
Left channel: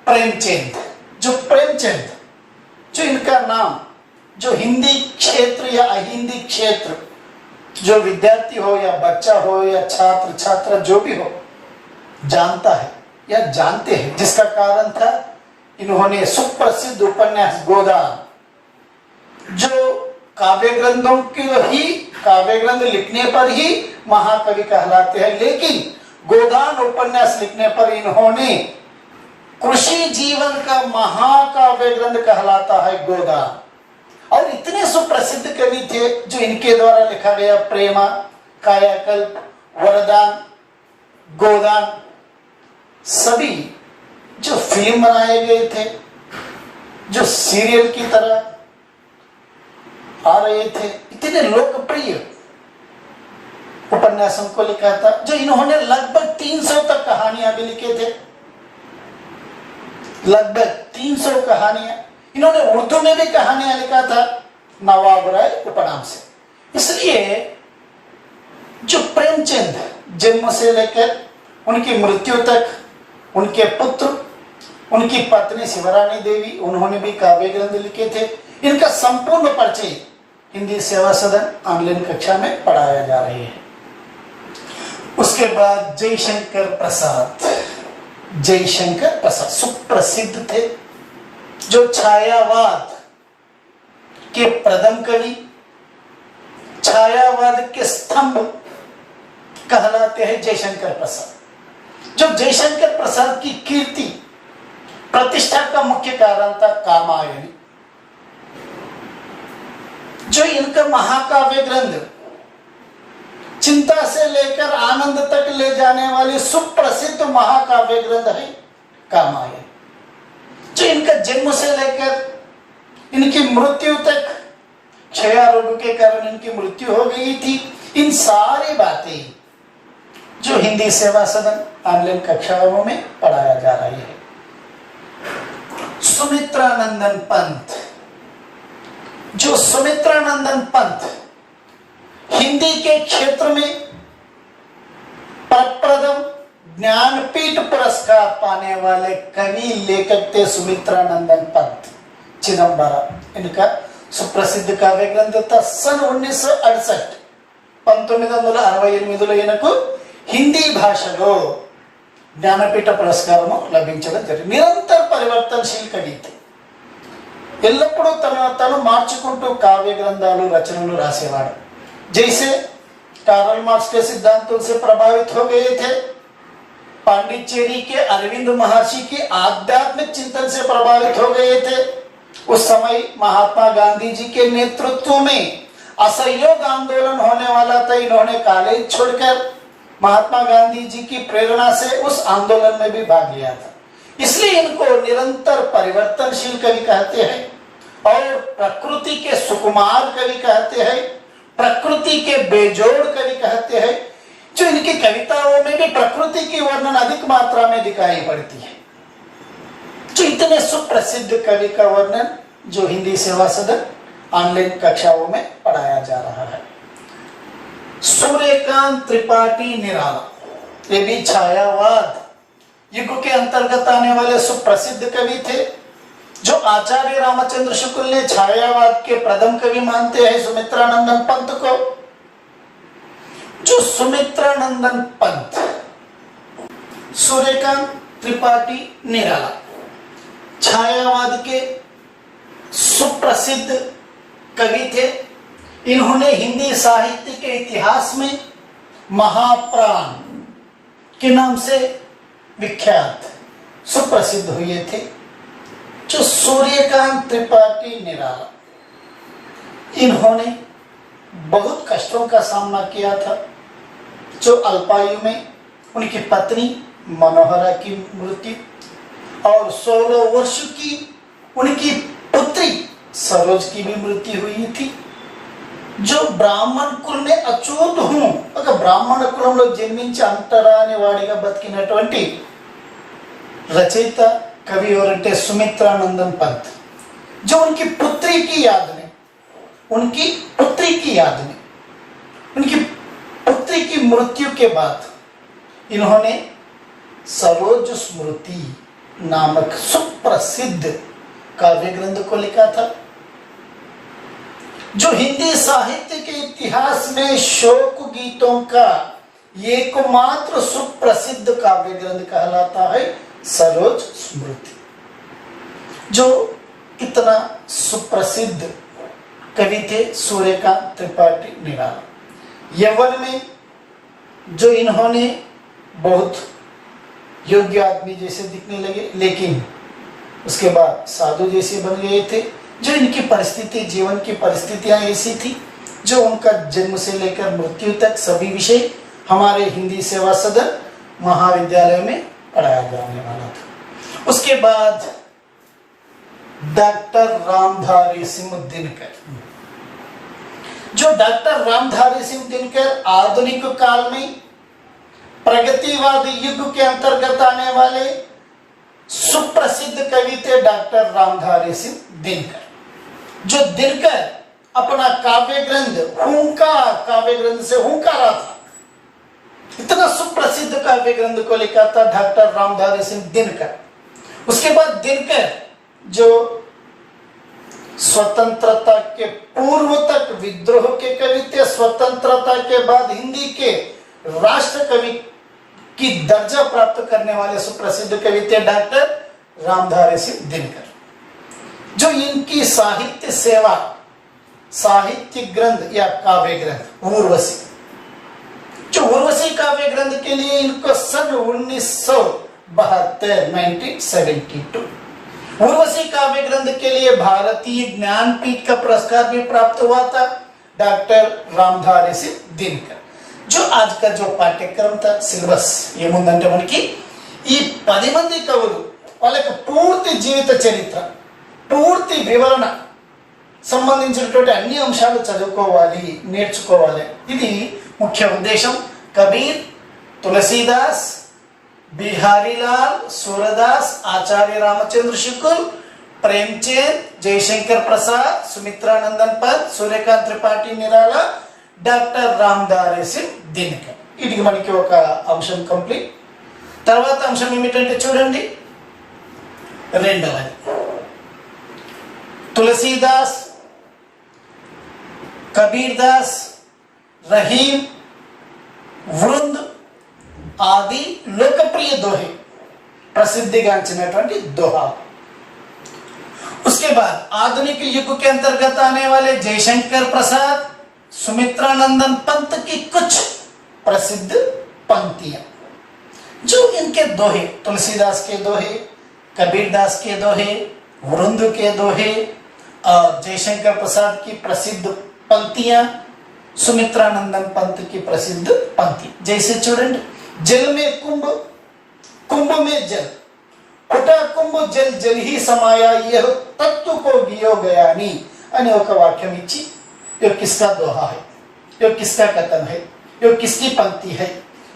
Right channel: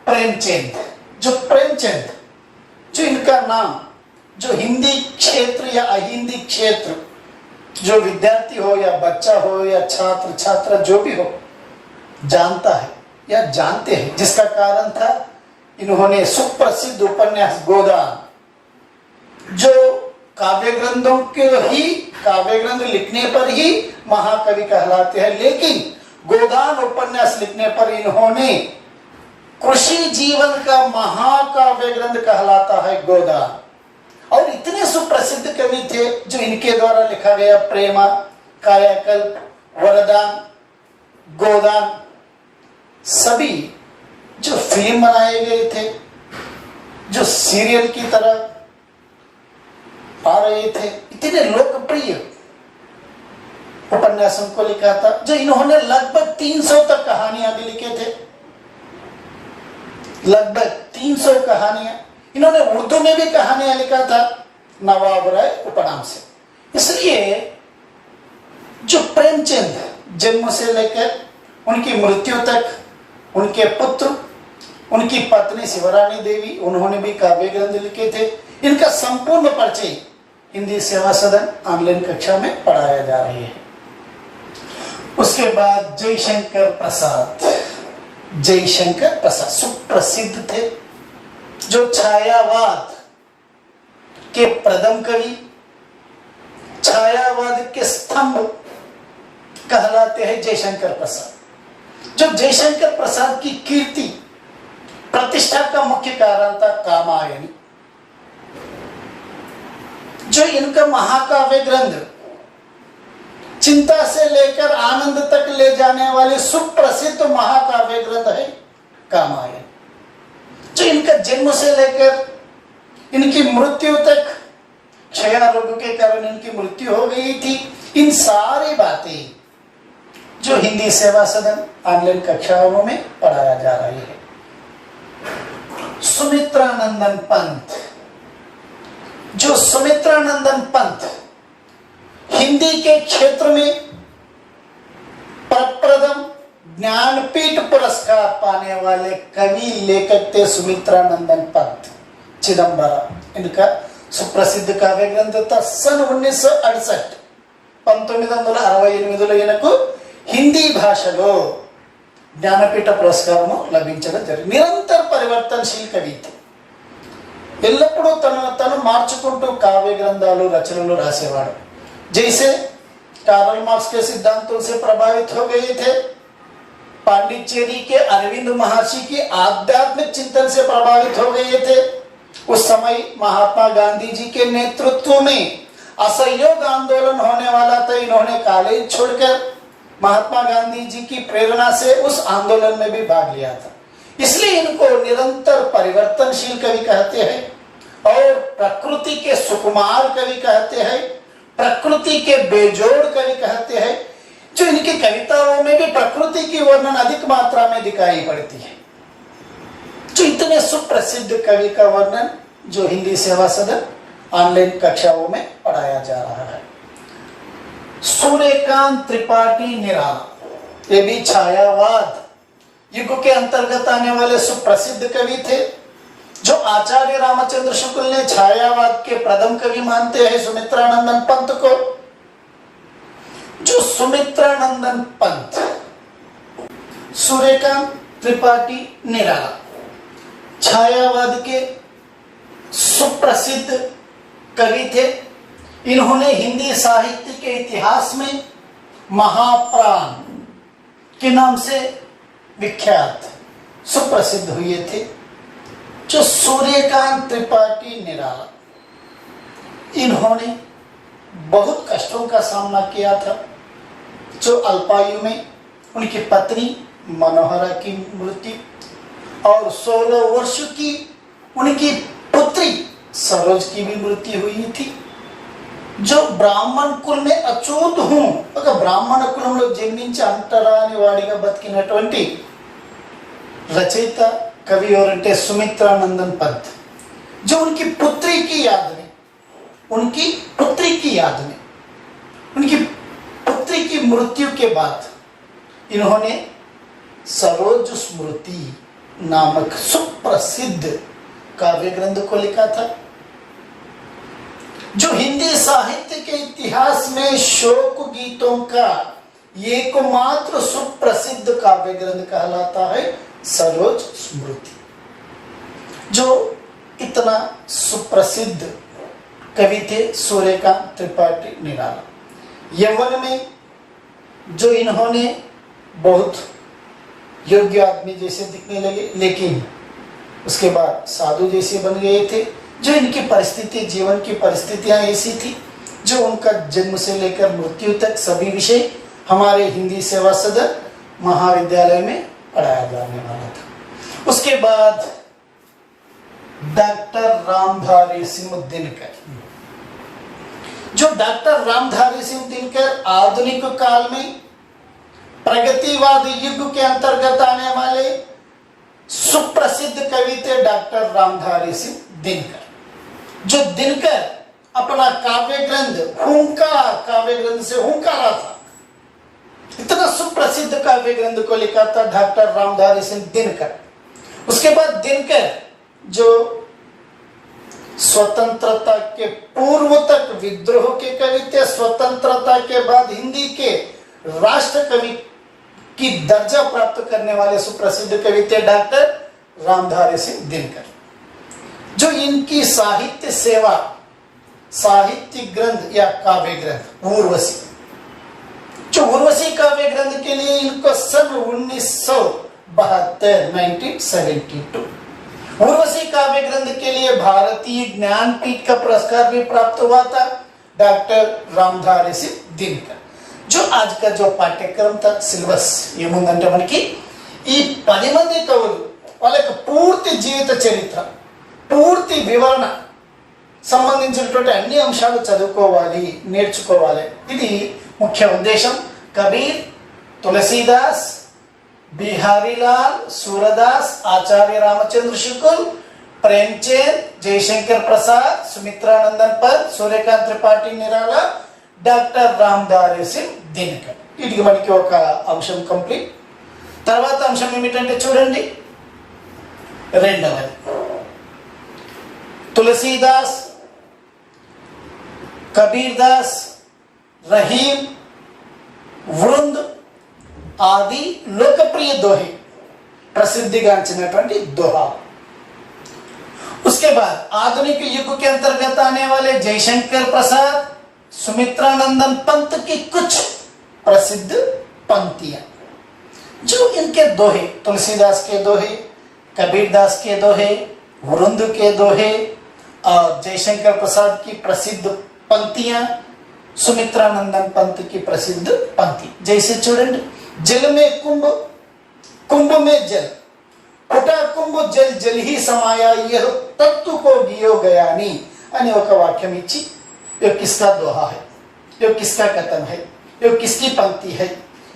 प्रेमचंद। जो प्रेमचंद, जो इनका नाम, जो हिंदी क्षेत्र या अहिंदी क्षेत्र जो विद्यार्थी हो या बच्चा हो या छात्र छात्रा जो भी हो जानता है या जानते हैं, जिसका कारण था इन्होंने सुप्रसिद्ध उपन्यास गोदान, जो काव्य ग्रंथों के ही काव्य ग्रंथ लिखने पर ही महाकवि कहलाते हैं, लेकिन गोदान उपन्यास लिखने पर इन्होंने कृषि जीवन का महाकाव्य ग्रंथ कहलाता है गोदान। और इतने सुप्रसिद्ध कवि थे जो इनके द्वारा लिखा गया प्रेमा, कायाकल्प, वरदान, गोदान सभी जो फिल्म बनाए गए थे, जो सीरियल की तरह आ रहे थे, इतने लोकप्रिय उपन्यासों को लिखा था, जो इन्होंने लगभग 300 तक कहानियां भी लिखे थे, लगभग 300 कहानियां। इन्होंने उर्दू में भी कहानियां लिखा था नवाब राय उपनाम से। इसलिए जो प्रेमचंद जन्म से लेकर उनकी मृत्यु तक, उनके पुत्र, उनकी पत्नी शिवरानी देवी, उन्होंने भी काव्य ग्रंथ लिखे थे। इनका संपूर्ण परिचय हिंदी सेवा सदन ऑनलाइन कक्षा में पढ़ाया जा रही है। उसके बाद जयशंकर प्रसाद, जयशंकर प्रसाद सुप्रसिद्ध थे, जो छायावाद के प्रथम कवि, छायावाद के स्तंभ कहलाते हैं जयशंकर प्रसाद। जो जयशंकर प्रसाद की कीर्ति प्रतिष्ठा का मुख्य कारण था कामायनी, जो इनका महाकाव्य ग्रंथ चिंता से लेकर आनंद तक ले जाने वाले सुप्रसिद्ध महाकाव्य ग्रंथ है कामायनी। जो इनका जन्म से लेकर इनकी मृत्यु तक क्षय रोग के कारण इनकी मृत्यु हो गई थी, इन सारी बातें जो हिंदी सेवा सदन ऑनलाइन कक्षाओं में पढ़ाया जा रही है। सुमित्रानंदन पंत, जो सुमित्रानंदन पंत हिंदी के क्षेत्र में प्रप्रथम ज्ञानपीठ पुरस्कार पाने वाले कवि लेखक थे सुमित्रानंदन पंत चिदंबरम। इनका सुप्रसिद्ध काव्य ग्रंथ था सन 1968 1968లో ఈయనకు హిందీ భాషలో జ్ఞానపీఠ పురస్కారము లభించడం జరిగింది. నిరంతర పరివర్తనశీల కవి, ఎల్లప్పుడూ తను మార్చుకుంటూ కావ్య గ్రంథాలు రచనలు రాసేవాడు. जैसे कार्ल मार्क्स के सिद्धांतों से प्रभावित हो गए थे, पांडिचेरी के अरविंद महर्षि के आध्यात्मिक चिंतन से प्रभावित हो गए थे। उस समय महात्मा गांधी जी के नेतृत्व में असहयोग आंदोलन होने वाला था। इन्होंने कॉलेज छोड़कर महात्मा गांधी जी की प्रेरणा से उस आंदोलन में भी भाग लिया था। इसलिए इनको निरंतर परिवर्तनशील कवि कहते हैं और प्रकृति के सुकुमार कवि कहते हैं, प्रकृति के बेजोड़ कवि कहते हैं। जो इनकी कविताओं में भी प्रकृति की वर्णन अधिक मात्रा में दिखाई पड़ती है। जो इतने सुप्रसिद्ध कवि का वर्णन जो हिंदी सेवा सदन ऑनलाइन कक्षाओं में पढ़ाया जा रहा है। सूर्यकांत त्रिपाठी निराला, ये भी छायावाद युग के अंतर्गत आने वाले सुप्रसिद्ध कवि थे, जो आचार्य रामचंद्र शुक्ल ने छायावाद के प्रथम कवि मानते हैं सुमित्रानंदन पंत को। जो सुमित्रानंदन पंत, सूर्यकांत त्रिपाठी निराला छायावाद के सुप्रसिद्ध कवि थे। इन्होंने हिंदी साहित्य के इतिहास में महाप्राण के नाम से विख्यात सुप्रसिद्ध हुए थे। जो सूर्यकांत त्रिपाठी निराला, इन्होंने बहुत कष्टों का सामना किया था। जो अल्पायु में उनकी पत्नी मनोहरा की मृत्यु और 16 वर्ष की उनकी पुत्री सरोज की भी मृत्यु हुई थी। जो ब्राह्मण कुल में अचूत हूं, ब्राह्मण कुలంలో జన్మించి అంటరాని వాడిగా బతికినటువంటి रचयिత कवि और सुमित्रानंदन पंत, जो उनकी पुत्री की याद में उनकी पुत्री की मृत्यु के बाद इन्होंने सरोज स्मृति नामक सुप्रसिद्ध काव्य ग्रंथ को लिखा था। जो हिंदी साहित्य के इतिहास में शोक गीतों का एकमात्र सुप्रसिद्ध काव्य ग्रंथ कहलाता है सरोज स्मृति। जो इतना सुप्रसिद्ध कवि थे सूर्यकांत त्रिपाठी निराला। यौवन में जो इन्होंने बहुत योग्य आदमी जैसे दिखने लगे, लेकिन उसके बाद साधु जैसे बन गए थे। जो इनकी परिस्थिति, जीवन की परिस्थितियां ऐसी थी, जो उनका जन्म से लेकर मृत्यु तक सभी विषय हमारे हिंदी सेवा सदन महाविद्यालय में पढ़ाया जाने वाला था। उसके बाद डॉक्टर रामधारी सिंह दिनकर। जो डॉक्टर रामधारी सिंह दिनकर आधुनिक काल में प्रगतिवाद युग के अंतर्गत आने वाले सुप्रसिद्ध कवि थे डॉक्टर रामधारी सिंह दिनकर। जो दिनकर अपना काव्य ग्रंथ हुंकार काव्य ग्रंथ से हुंकारा था, इतना सुप्रसिद्ध काव्य ग्रंथ को लिखा था डॉक्टर रामधारी सिंह दिनकर। उसके बाद दिनकर जो स्वतंत्रता के पूर्व तक विद्रोह के कवि थे, स्वतंत्रता के बाद हिंदी के राष्ट्र कवि की दर्जा प्राप्त करने वाले सुप्रसिद्ध कवि थे डॉक्टर रामधारी सिंह दिनकर। जो इनकी साहित्य सेवा, साहित्य ग्रंथ या काव्य ग्रंथ उर्वशी, जो उर्वशी काव्य ग्रंथ के लिए इनको सन 1972 उर्वशी काव्य ग्रंथ के लिए भारतीय ज्ञानपीठ का पुरस्कार भी प्राप्त हुआ था डॉक्टर रामधारी सिंह दिनकर। जो आज का जो पाठ्यक्रम था सिलेबस ఏముందంటే మనకి ఈ 10 మంది కవులు వాళ్ళకి పూర్తి జీవిత చరిత్ర, పూర్తి వివరణ సంబంధించినటువంటి అన్ని అంశాలు చదువుకోవాలి, నేర్చుకోవాలి। ఇది ముఖ్య ఉద్దేశం। కబీర్, తులసీదాస్, बिहारीलाल, सूरदास, आचार्य रामचंद्र शुक्ल, प्रेमचंद, जयशंकर प्रसाद, सुमित्रानंदन पद, सूर्यकांत त्रिपाठी निराला, డాక్టర్ రామధారీ సింగ్ దినకర్। వీటికి మనకి ఒక అంశం కంప్లీట్। తర్వాత అంశం ఏమిటంటే చూడండి, రెండవది తులసీదాస్, కబీర్ దాస్, రహీం, వృంద్ आदि लोकप्रिय दोहे, प्रसिद्धिगांचिनటువంటి दोहा। उसके बाद आधुनिक युग के अंतर्गत आने वाले जयशंकर प्रसाद, सुमित्रानंदन पंत की कुछ प्रसिद्ध पंक्तियां। जो इनके दोहे, तुलसीदास के दोहे, कबीर दास के दोहे, वृंद के दोहे और जयशंकर प्रसाद की प्रसिद्ध पंक्तियां, सुमित्रानंदन पंत की प्रसिद्ध पंक्ति। जैसे चूड़ंడి, जल में कुंभ, कुंभ में जल, फटा कुंभ जल जल ही समाया, यह तत्व को गियो गया नी अने ఒక వాక్యం ఇచ్చి ये किसका दोहा है, ये किसका कथन है, ये किसकी पंक्ति है,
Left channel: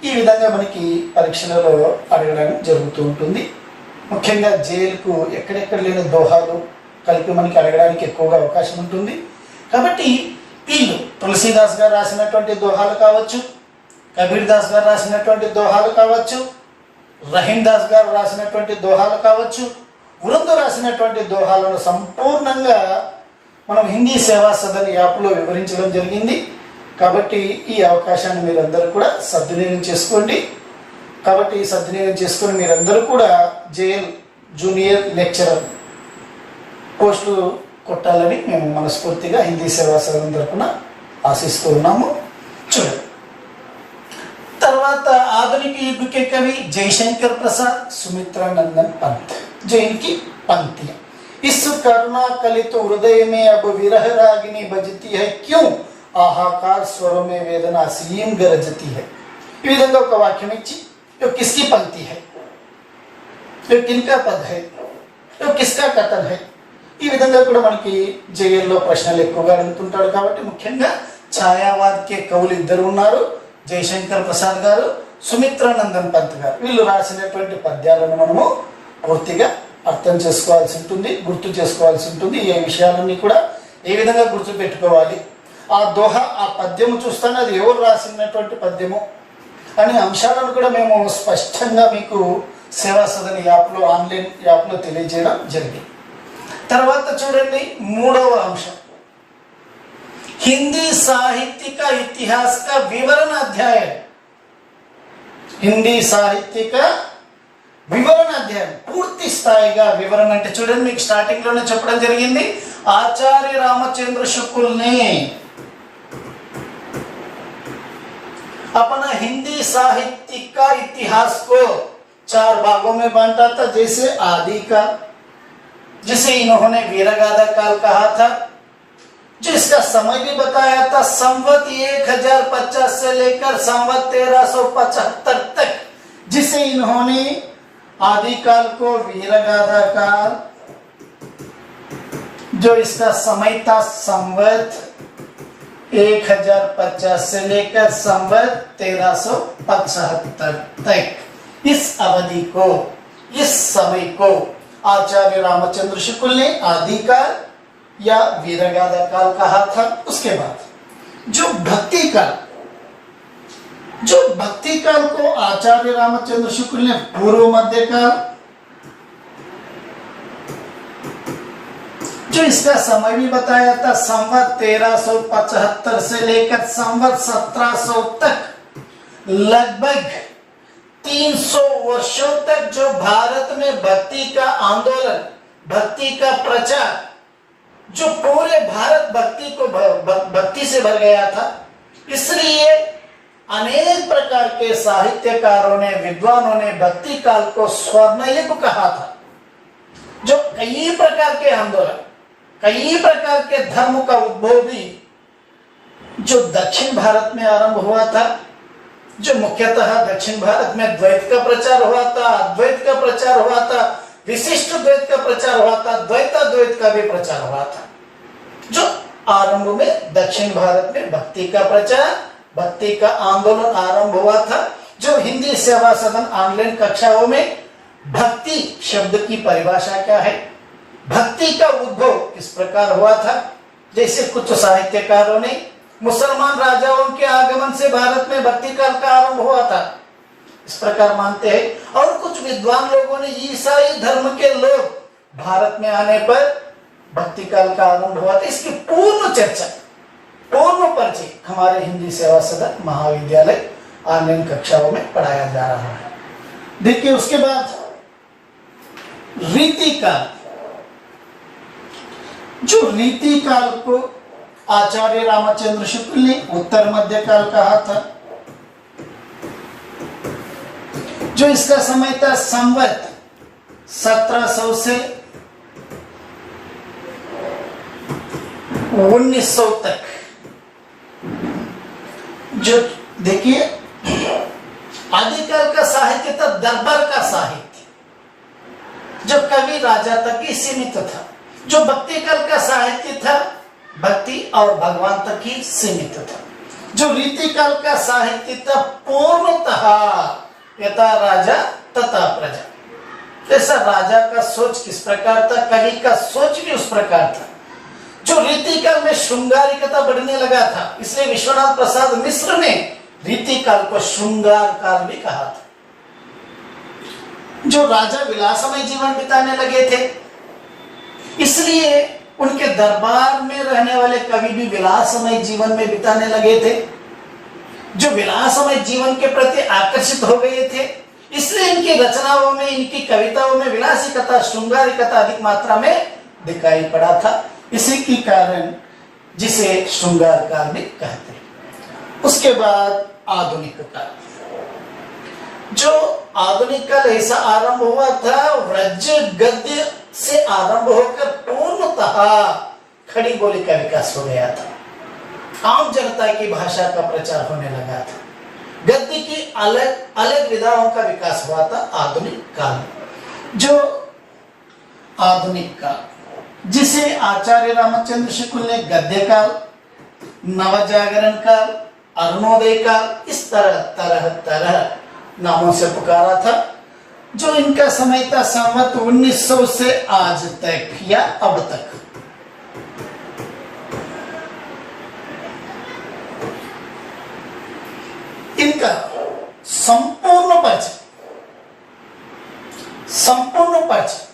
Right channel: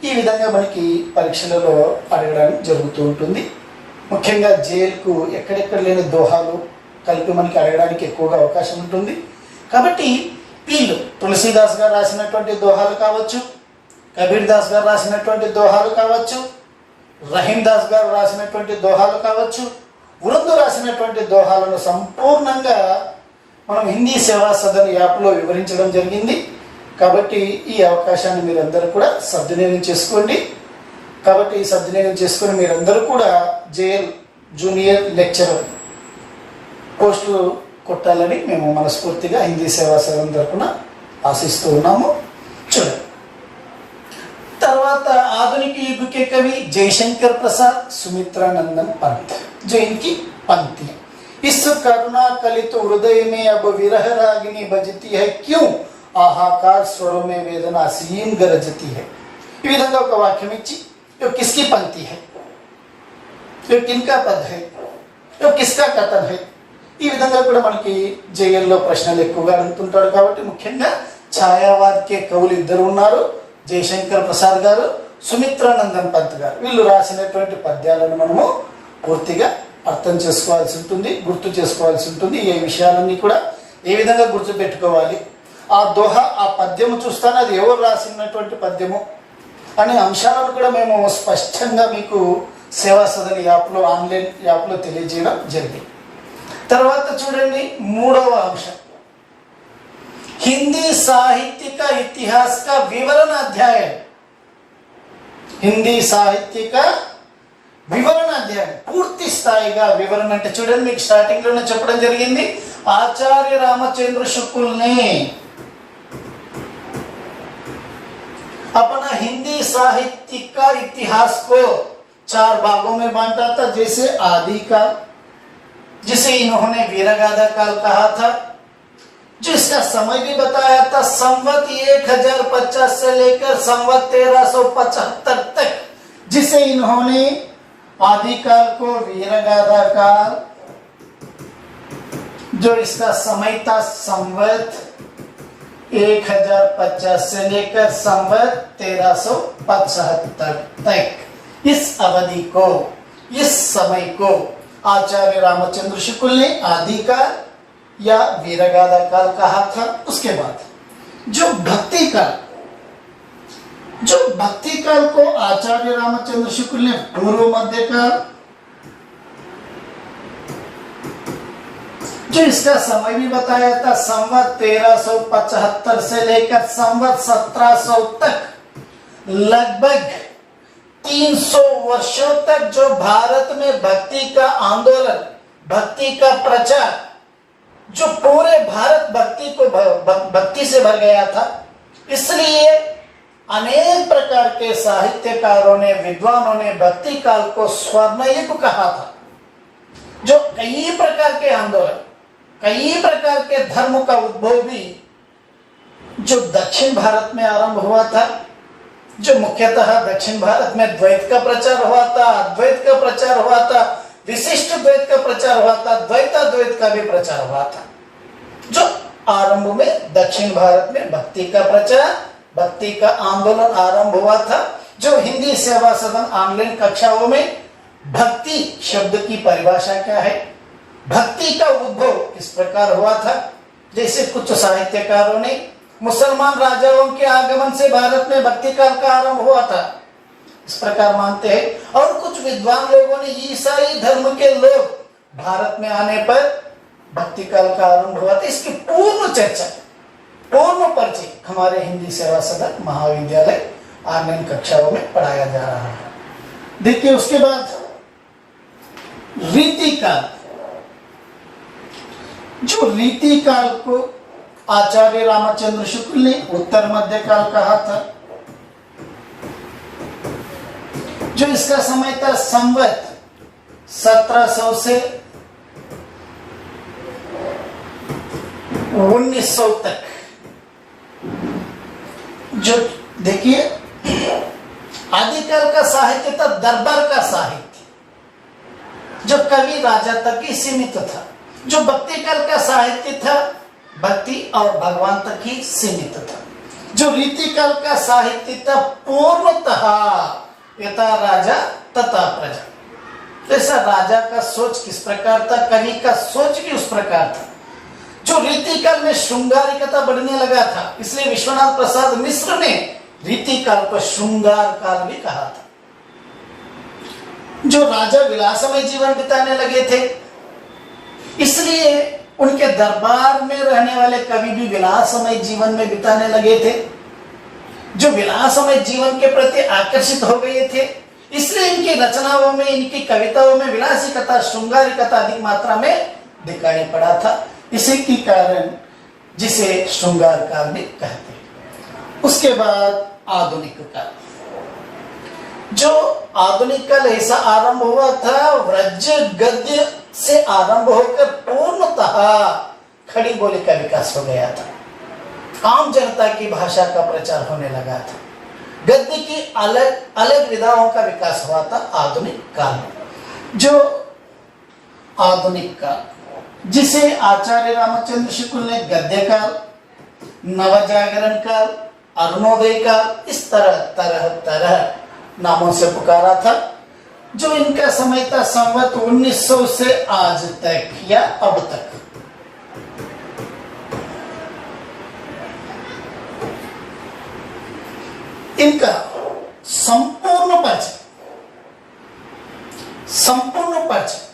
ఈ విధంగా మనకి పరీక్షలలో అడగడం జరుగుతూ ఉంటుంది। ముఖ్యంగా జేఎల్కు ఎక్కడెక్కడ లేని దోహాలు కలిపి మనకి అడగడానికి ఎక్కువగా అవకాశం ఉంటుంది। కాబట్టి వీళ్ళు తులసీదాస్ గారు రాసినటువంటి దోహాలు కావచ్చు, కబీర్ దాస్ గారు రాసినటువంటి దోహాలు కావచ్చు, రహీం దాస్ గారు రాసినటువంటి దోహాలు కావచ్చు, వృందు రాసినటువంటి దోహాలను సంపూర్ణంగా మనం హిందీ సేవా సదన్ యాప్లో వివరించడం జరిగింది। కాబట్టి ఈ అవకాశాన్ని మీరందరూ కూడా సద్వినియోగం చేసుకోండి। కాబట్టి ఈ సద్వినియోగం చేసుకుని మీరందరూ కూడా జేఎల్ జూనియర్ లెక్చరర్ పోస్టులు కొట్టాలని మేము మనస్ఫూర్తిగా హిందీ సేవా సదన్ తరపున ఆశిస్తూ ఉన్నాము। చూడండి, తర్వాత आधुनिक युग के कवि जयशंकर प्रसाद, सुमित्रानंदन पंत। जो इनकी पंक्तियां, इस करुणा कलित हृदय में अब विरह रागिनी बजती है, क्यों आहाकार स्वरों में वेदना सीम गरजती है। ఈ విధంగా ఒక వాక్యం ఇచ్చి ये किसकी पंक्ति है, ये किनका पद है, ये किसका कथन है, ఈ విధంగా కూడా మనకి జేఎల్లో ప్రశ్నలు ఎక్కువగా అడుగుతుంటారు। కాబట్టి ముఖ్యంగా ఛాయావాద్ కే కవులు ఇద్దరు ఉన్నారు, జయశంకర్ ప్రసాద్ గారు, సుమిత్రానందన్ పంత్ గారు। వీళ్ళు రాసినటువంటి పద్యాలను మనము పూర్తిగా అర్థం చేసుకోవాల్సి ఉంటుంది, గుర్తు చేసుకోవాల్సి ఉంటుంది। ఈ విషయాలన్నీ కూడా ఏ విధంగా గుర్తు పెట్టుకోవాలి, ఆ దోహా ఆ పద్యము చూస్తాను అది ఎవరు రాసినటువంటి పద్యము అనే అంశాలను కూడా మేము స్పష్టంగా మీకు సేవా సదన్ యాప్లో ఆన్లైన్ యాప్లో తెలియజేయడం జరిగింది। తర్వాత చూడండి, మూడవ అంశం हिंदी साहित्य का इतिहास का विवरण अध्याय है। हिंदी साहित्य का వివరణ అధ్యాయం పూర్తి స్థాయిగా వివరణ అంటే చూడండి, మీకు స్టార్టింగ్ లోనే చెప్పడం జరిగింది, ఆచార్య रामचंद्र शुक्ल ने अपना हिंदी साहित्य का इतिहास को 4 भागों में बांटा था। जैसे आदि काल, जिसे इन्होंने वीरगाथा काल कहा था, जिसका समय भी बताया था संवत 1050 से लेकर संवत 1375 तक, जिसे इन्होंने आदिकाल को वीरगाथा काल, जो इसका समय था संवत 1050 से लेकर संवत 1375 तक, इस अवधि को, इस समय को आचार्य रामचंद्र शुक्ल ने आदिकाल या वीरगाथा काल कहा था। उसके बाद जो भक्ति काल, जो भक्ति काल को आचार्य रामचंद्र शुक्ल ने पूर्व मध्य काल, जो इसका समय भी बताया था संवत 1375 से लेकर संवत 1700 तक, लगभग 300 वर्षों तक जो भारत में भक्ति का आंदोलन, भक्ति का प्रचार, जो पूरे भारत भक्ति से भर गया था, इसलिए अनेक प्रकार के साहित्यकारों ने, विद्वानों ने भक्ति काल को स्वर्ण युग कहा था। जो कई प्रकार के आंदोलन, कई प्रकार के धर्म का उद्भव भी जो दक्षिण भारत में आरंभ हुआ था, जो मुख्यतः दक्षिण भारत में द्वैत का प्रचार हुआ था, अद्वैत का प्रचार हुआ था, विशिष्ट द्वैत का प्रचार हुआ था, द्वैताद्वैत का भी प्रचार हुआ था। जो आरंभ में दक्षिण भारत में भक्ति का प्रचार, भक्ति का आंदोलन आरंभ हुआ था। जो हिंदी सेवा सदन ऑनलाइन कक्षाओं में भक्ति शब्द की परिभाषा क्या है, भक्ति का उद्भव किस प्रकार हुआ था, जैसे कुछ साहित्यकारों ने मुसलमान राजाओं के आगमन से भारत में भक्ति काल का आरंभ हुआ था, इस प्रकार मानते हैं। और कुछ विद्वान लोगों ने ईसाई धर्म के लोग भारत में आने पर भक्ति काल का आरंभ हुआ था। इसकी पूर्ण चर्चा, पूर्ण परिचय हमारे हिंदी सेवा सदन महाविद्यालय ऑनलाइन कक्षाओं में पढ़ाया जा रहा है। देखिए उसके बाद रीति काल, जो रीति काल को आचार्य रामचंद्र शुक्ल ने उत्तर मध्य काल कहा था, जो इसका समय था संवत 1700 से 1900 तक। जो देखिए आदिकाल का साहित्य था दरबार का साहित्य, जो कवि राजा तक ही सीमित था। जो भक्ति काल का साहित्य था भक्ति और भगवान तक ही सीमित था। जो रीति काल का साहित्य था पूर्णतः यथा राजा तथा प्रजा, ऐसा राजा का सोच किस प्रकार था, कवि का सोच भी उस प्रकार था। जो रीति काल में श्रृंगारिकता बढ़ने लगा था, इसलिए विश्वनाथ प्रसाद मिश्र ने रीति काल को श्रृंगार काल भी कहा था। जो राजा विलासमय जीवन बिताने लगे थे, इसलिए उनके दरबार में रहने वाले कवि भी विलासमय जीवन में बिताने लगे थे। जो विलासमय जीवन के प्रति आकर्षित हो गए थे, इसलिए इनकी रचनाओं में, इनकी कविताओं में विलासिकता, श्रृंगारिकता अधिक मात्रा में दिखाई पड़ा था। इसी के कारण जिसे श्रृंगार काल भी कहते हैं। उसके बाद आधुनिक काल, जो आधुनिक काल ऐसा आरंभ हुआ था व्रज गद्य से आरंभ होकर पूर्णतः खड़ी बोली का विकास हो गया था। आम जनता की भाषा का प्रचार होने लगा था। गद्य की अलग अलग विधाओं का विकास हुआ था आधुनिक काल। जो आधुनिक काल, जिसे आचार्य रामचंद्र शुक्ल ने गद्य काल, नवजागरण काल, अरुणोदय काल, इस तरह नामों से पुकारा था। जो इनका समय था संवत 1900 से आज तक या अब तक। इनका संपूर्ण परिचय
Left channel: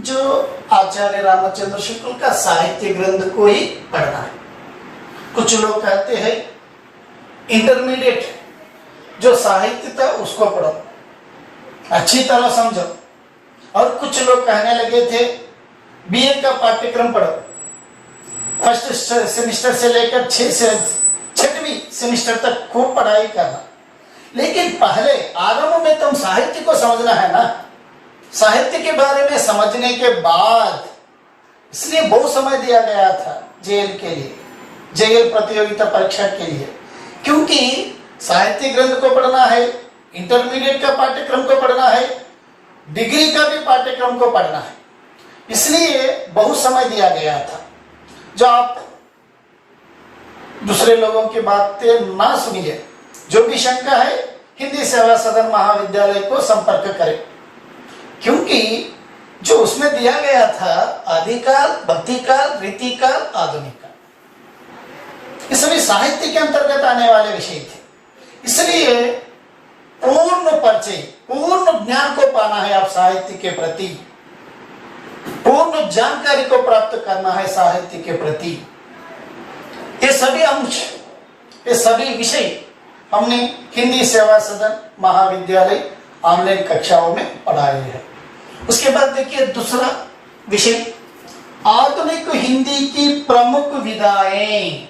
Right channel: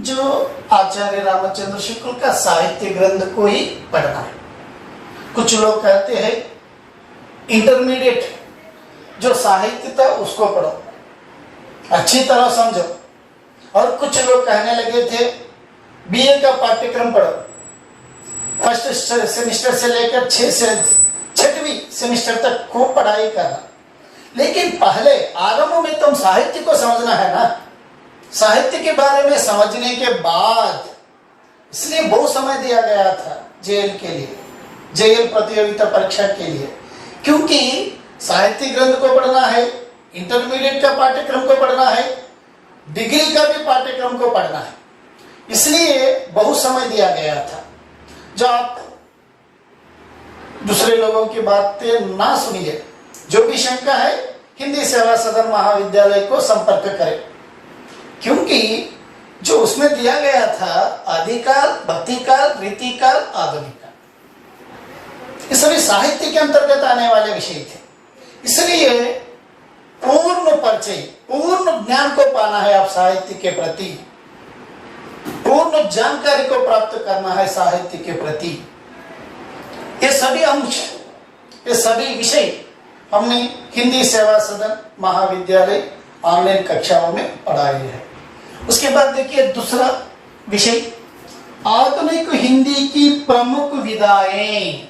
जो आचार्य रामचंद्र शुक्ल का साहित्य ग्रंथ को ही पढ़ना है। कुछ लोग कहते हैं इंटरमीडिएट जो साहित्य था उसको पढ़ो, अच्छी तरह समझो। और कुछ लोग कहने लगे थे बीए का पाठ्यक्रम पढ़ो, फर्स्ट सेमेस्टर से लेकर 6वीं सेमेस्टर तक खूब पढ़ाई करना। लेकिन पहले आरंभ में तुम साहित्य को समझना है ना। साहित्य के बारे में समझने के बाद, इसलिए बहुत समय दिया गया था जेएल के लिए, जेएल प्रतियोगिता परीक्षा के लिए, क्योंकि साहित्य ग्रंथ को पढ़ना है, इंटरमीडिएट का पाठ्यक्रम को पढ़ना है, डिग्री का भी पाठ्यक्रम को पढ़ना है, इसलिए बहुत समय दिया गया था। जो आप दूसरे लोगों की बातें ना सुनिए, जो भी शंका है हिंदी सेवा सदन महाविद्यालय को संपर्क करें, क्योंकि जो उसमें दिया गया था आदिकाल, भक्तिकाल, रीतिकाल, आधुनिक काल, ये सभी साहित्य के अंतर्गत आने वाले विषय थे। इसलिए पूर्ण परिचय, पूर्ण ज्ञान को पाना है आप साहित्य के प्रति, पूर्ण जानकारी को प्राप्त करना है साहित्य के प्रति। ये सभी अंश, ये सभी विषय हमने हिंदी सेवा सदन महाविद्यालय ऑनलाइन कक्षाओं में पढ़ाए हैं। उसके बाद देखिए दूसरा विषय, आधुनिक हिंदी की प्रमुख विधाएं।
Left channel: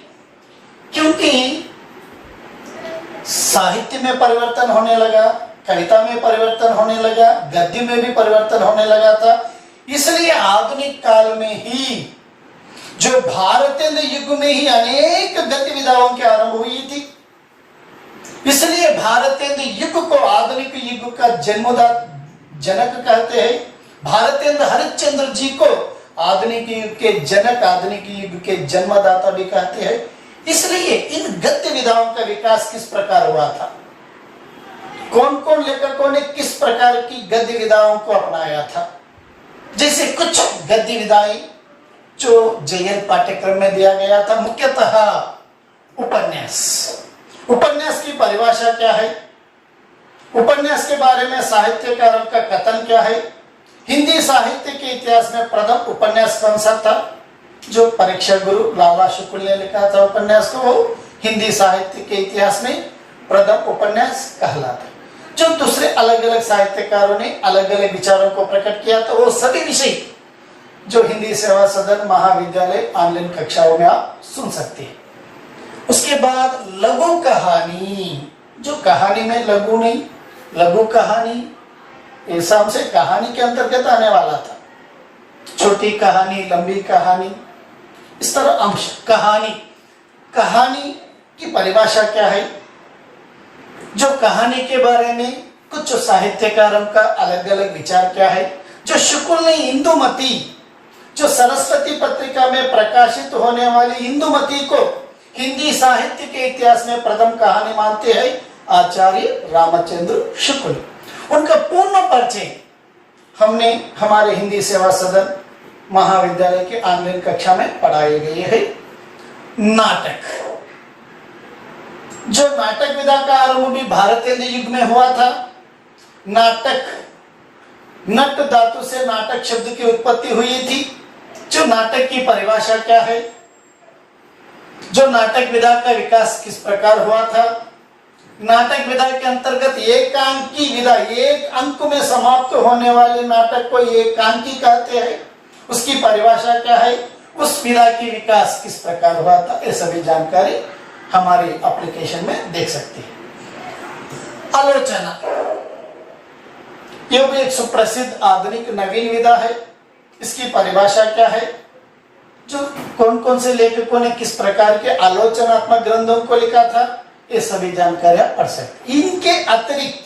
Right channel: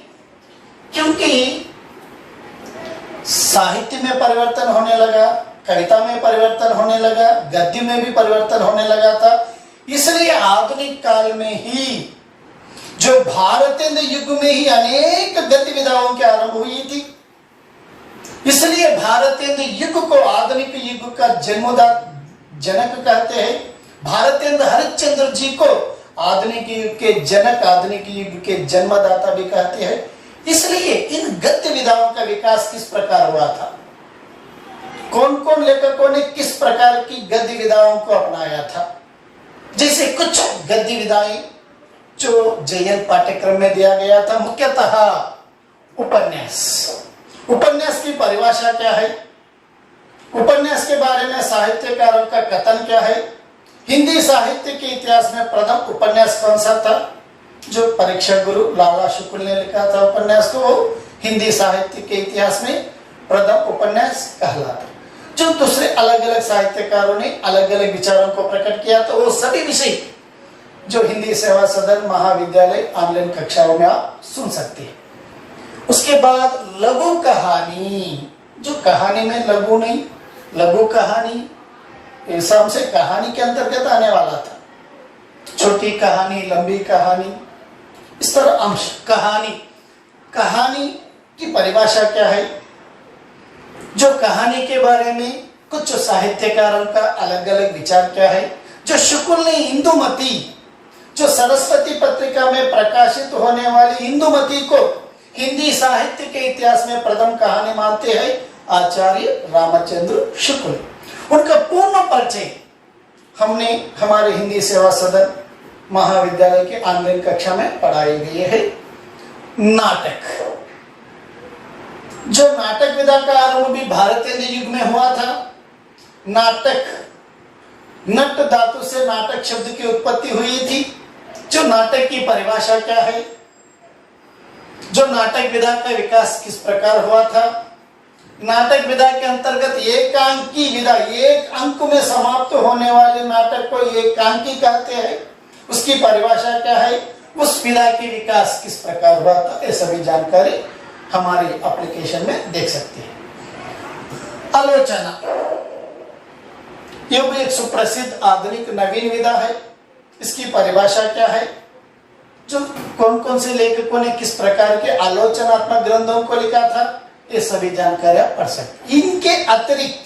क्योंकि साहित्य में परिवर्तन होने लगा, कविता में परिवर्तन होने लगा, गद्य में भी परिवर्तन होने लगा था, इसलिए आधुनिक काल में ही, जो भारतेंद्र युग में ही अनेक गद्य विधाओं की आरंभ हुई थी, इसलिए भारतेंद्र युग को आधुनिक युग का जनक कहते हैं। भारतेंद्र हरिश्चंद्र जी को आधुनिक युग के जनक, आधुनिक युग के जन्मदाता भी कहते हैं। इसलिए इन गद्य विधाओं का विकास किस प्रकार हुआ था, कौन कौन लेखकों ने किस प्रकार की गद्य विधाओं को अपनाया था। जैसे कुछ गद्य विधाएं जो जेएल पाठ्यक्रम में दिया गया था, मुख्यतः उपन्यास। उपन्यास की परिभाषा क्या है, उपन्यास के बारे में साहित्यकारों का कथन क्या है, हिंदी साहित्य के इतिहास में प्रथम उपन्यास कौन सा था, जो परीक्षा गुरु लाला शुक्ल ने लिखा था उपन्यास को, वो हिंदी साहित्य के इतिहास में प्रथम उपन्यास कहलाता। जो दूसरे अलग अलग साहित्यकारों ने अलग अलग विचारों को प्रकट किया, तो वो सभी विषय जो हिंदी सेवा सदन महाविद्यालय ऑनलाइन कक्षाओं में आप सुन सकते हैं। उसके बाद लघु कहानी, जो कहानी में लघु नहीं, लघु कहानी ऐसा हमसे कहानी के अंतर्गत आने वाला था, छोटी कहानी, लंबी कहानी, इस तरह अंश। कहानी, कहानी की परिभाषा क्या है, जो कहानी के बारे में कुछ साहित्यकारों का अलग अलग विचार क्या है। जो शुक्ल ने इंदुमती, जो सरस्वती पत्रिका में प्रकाशित होने वाली इंदुमती को हिंदी साहित्य के इतिहास में प्रथम कहानी मानते हैं आचार्य रामचंद्र शुक्ल। उनका पूर्ण परिचय हमने हमारे हिंदी सेवा सदन महाविद्यालय के ऑनलाइन कक्षा में पढ़ाई गई है। नाटक, जो नाटक विधा का आरंभ भी भारतेंद्र युग में हुआ था। नाटक, नट धातु से नाटक शब्द की उत्पत्ति हुई थी। जो नाटक की परिभाषा क्या है, जो नाटक विधा का विकास किस प्रकार हुआ था, नाटक विधा के अंतर्गत एकांकी विधा, एक अंक में समाप्त होने वाले नाटक को एकांकी कहते हैं, उसकी परिभाषा क्या है, उस विधा की विकास किस प्रकार हुआ था, ये सभी जानकारी हमारे एप्लीकेशन में देख सकते हैं। आलोचना, यह भी एक सुप्रसिद्ध आधुनिक नवीन विधा है। इसकी परिभाषा क्या है, जो कौन कौन से लेखकों ने किस प्रकार के आलोचनात्मक ग्रंथों को लिखा था, ये सभी जानकारियां पढ़ सकते। इनके अतिरिक्त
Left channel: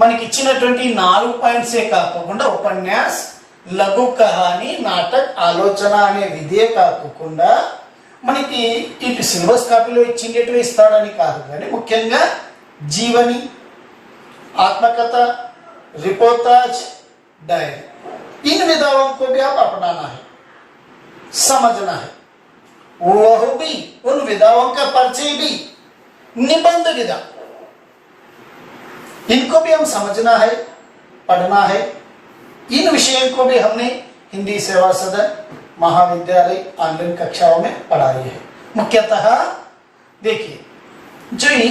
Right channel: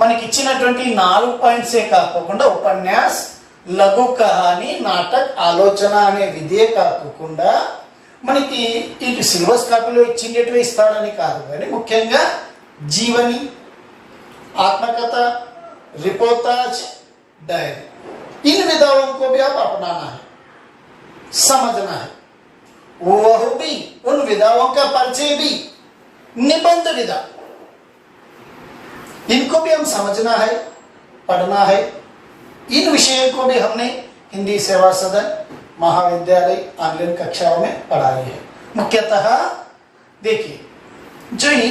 మనకి ఇచ్చినటువంటి 4 పాయింట్సే కాకుండా ఉపన్యాస్, లఘు కహాని, నాటక్, ఆలోచన అనే విధే కాకుండా మనకి ఇటు సిలబస్ కాపీలో ఇచ్చినట్టుగా ఇస్తాడని కాదు, కానీ ముఖ్యంగా జీవని, आत्मकथा, रिपोर्टाज, डायरी, इन विधाओं को भी आप अपनाना है, समझना है। वह भी उन विधाओं का परिचय भी, निबंध विधा, इनको भी हम समझना है, पढ़ना है। इन विषयों को भी हमने हिंदी सेवा सदन महाविद्यालय ऑनलाइन कक्षाओं में पढ़ाई है। मुख्यतः देखिए, जो ये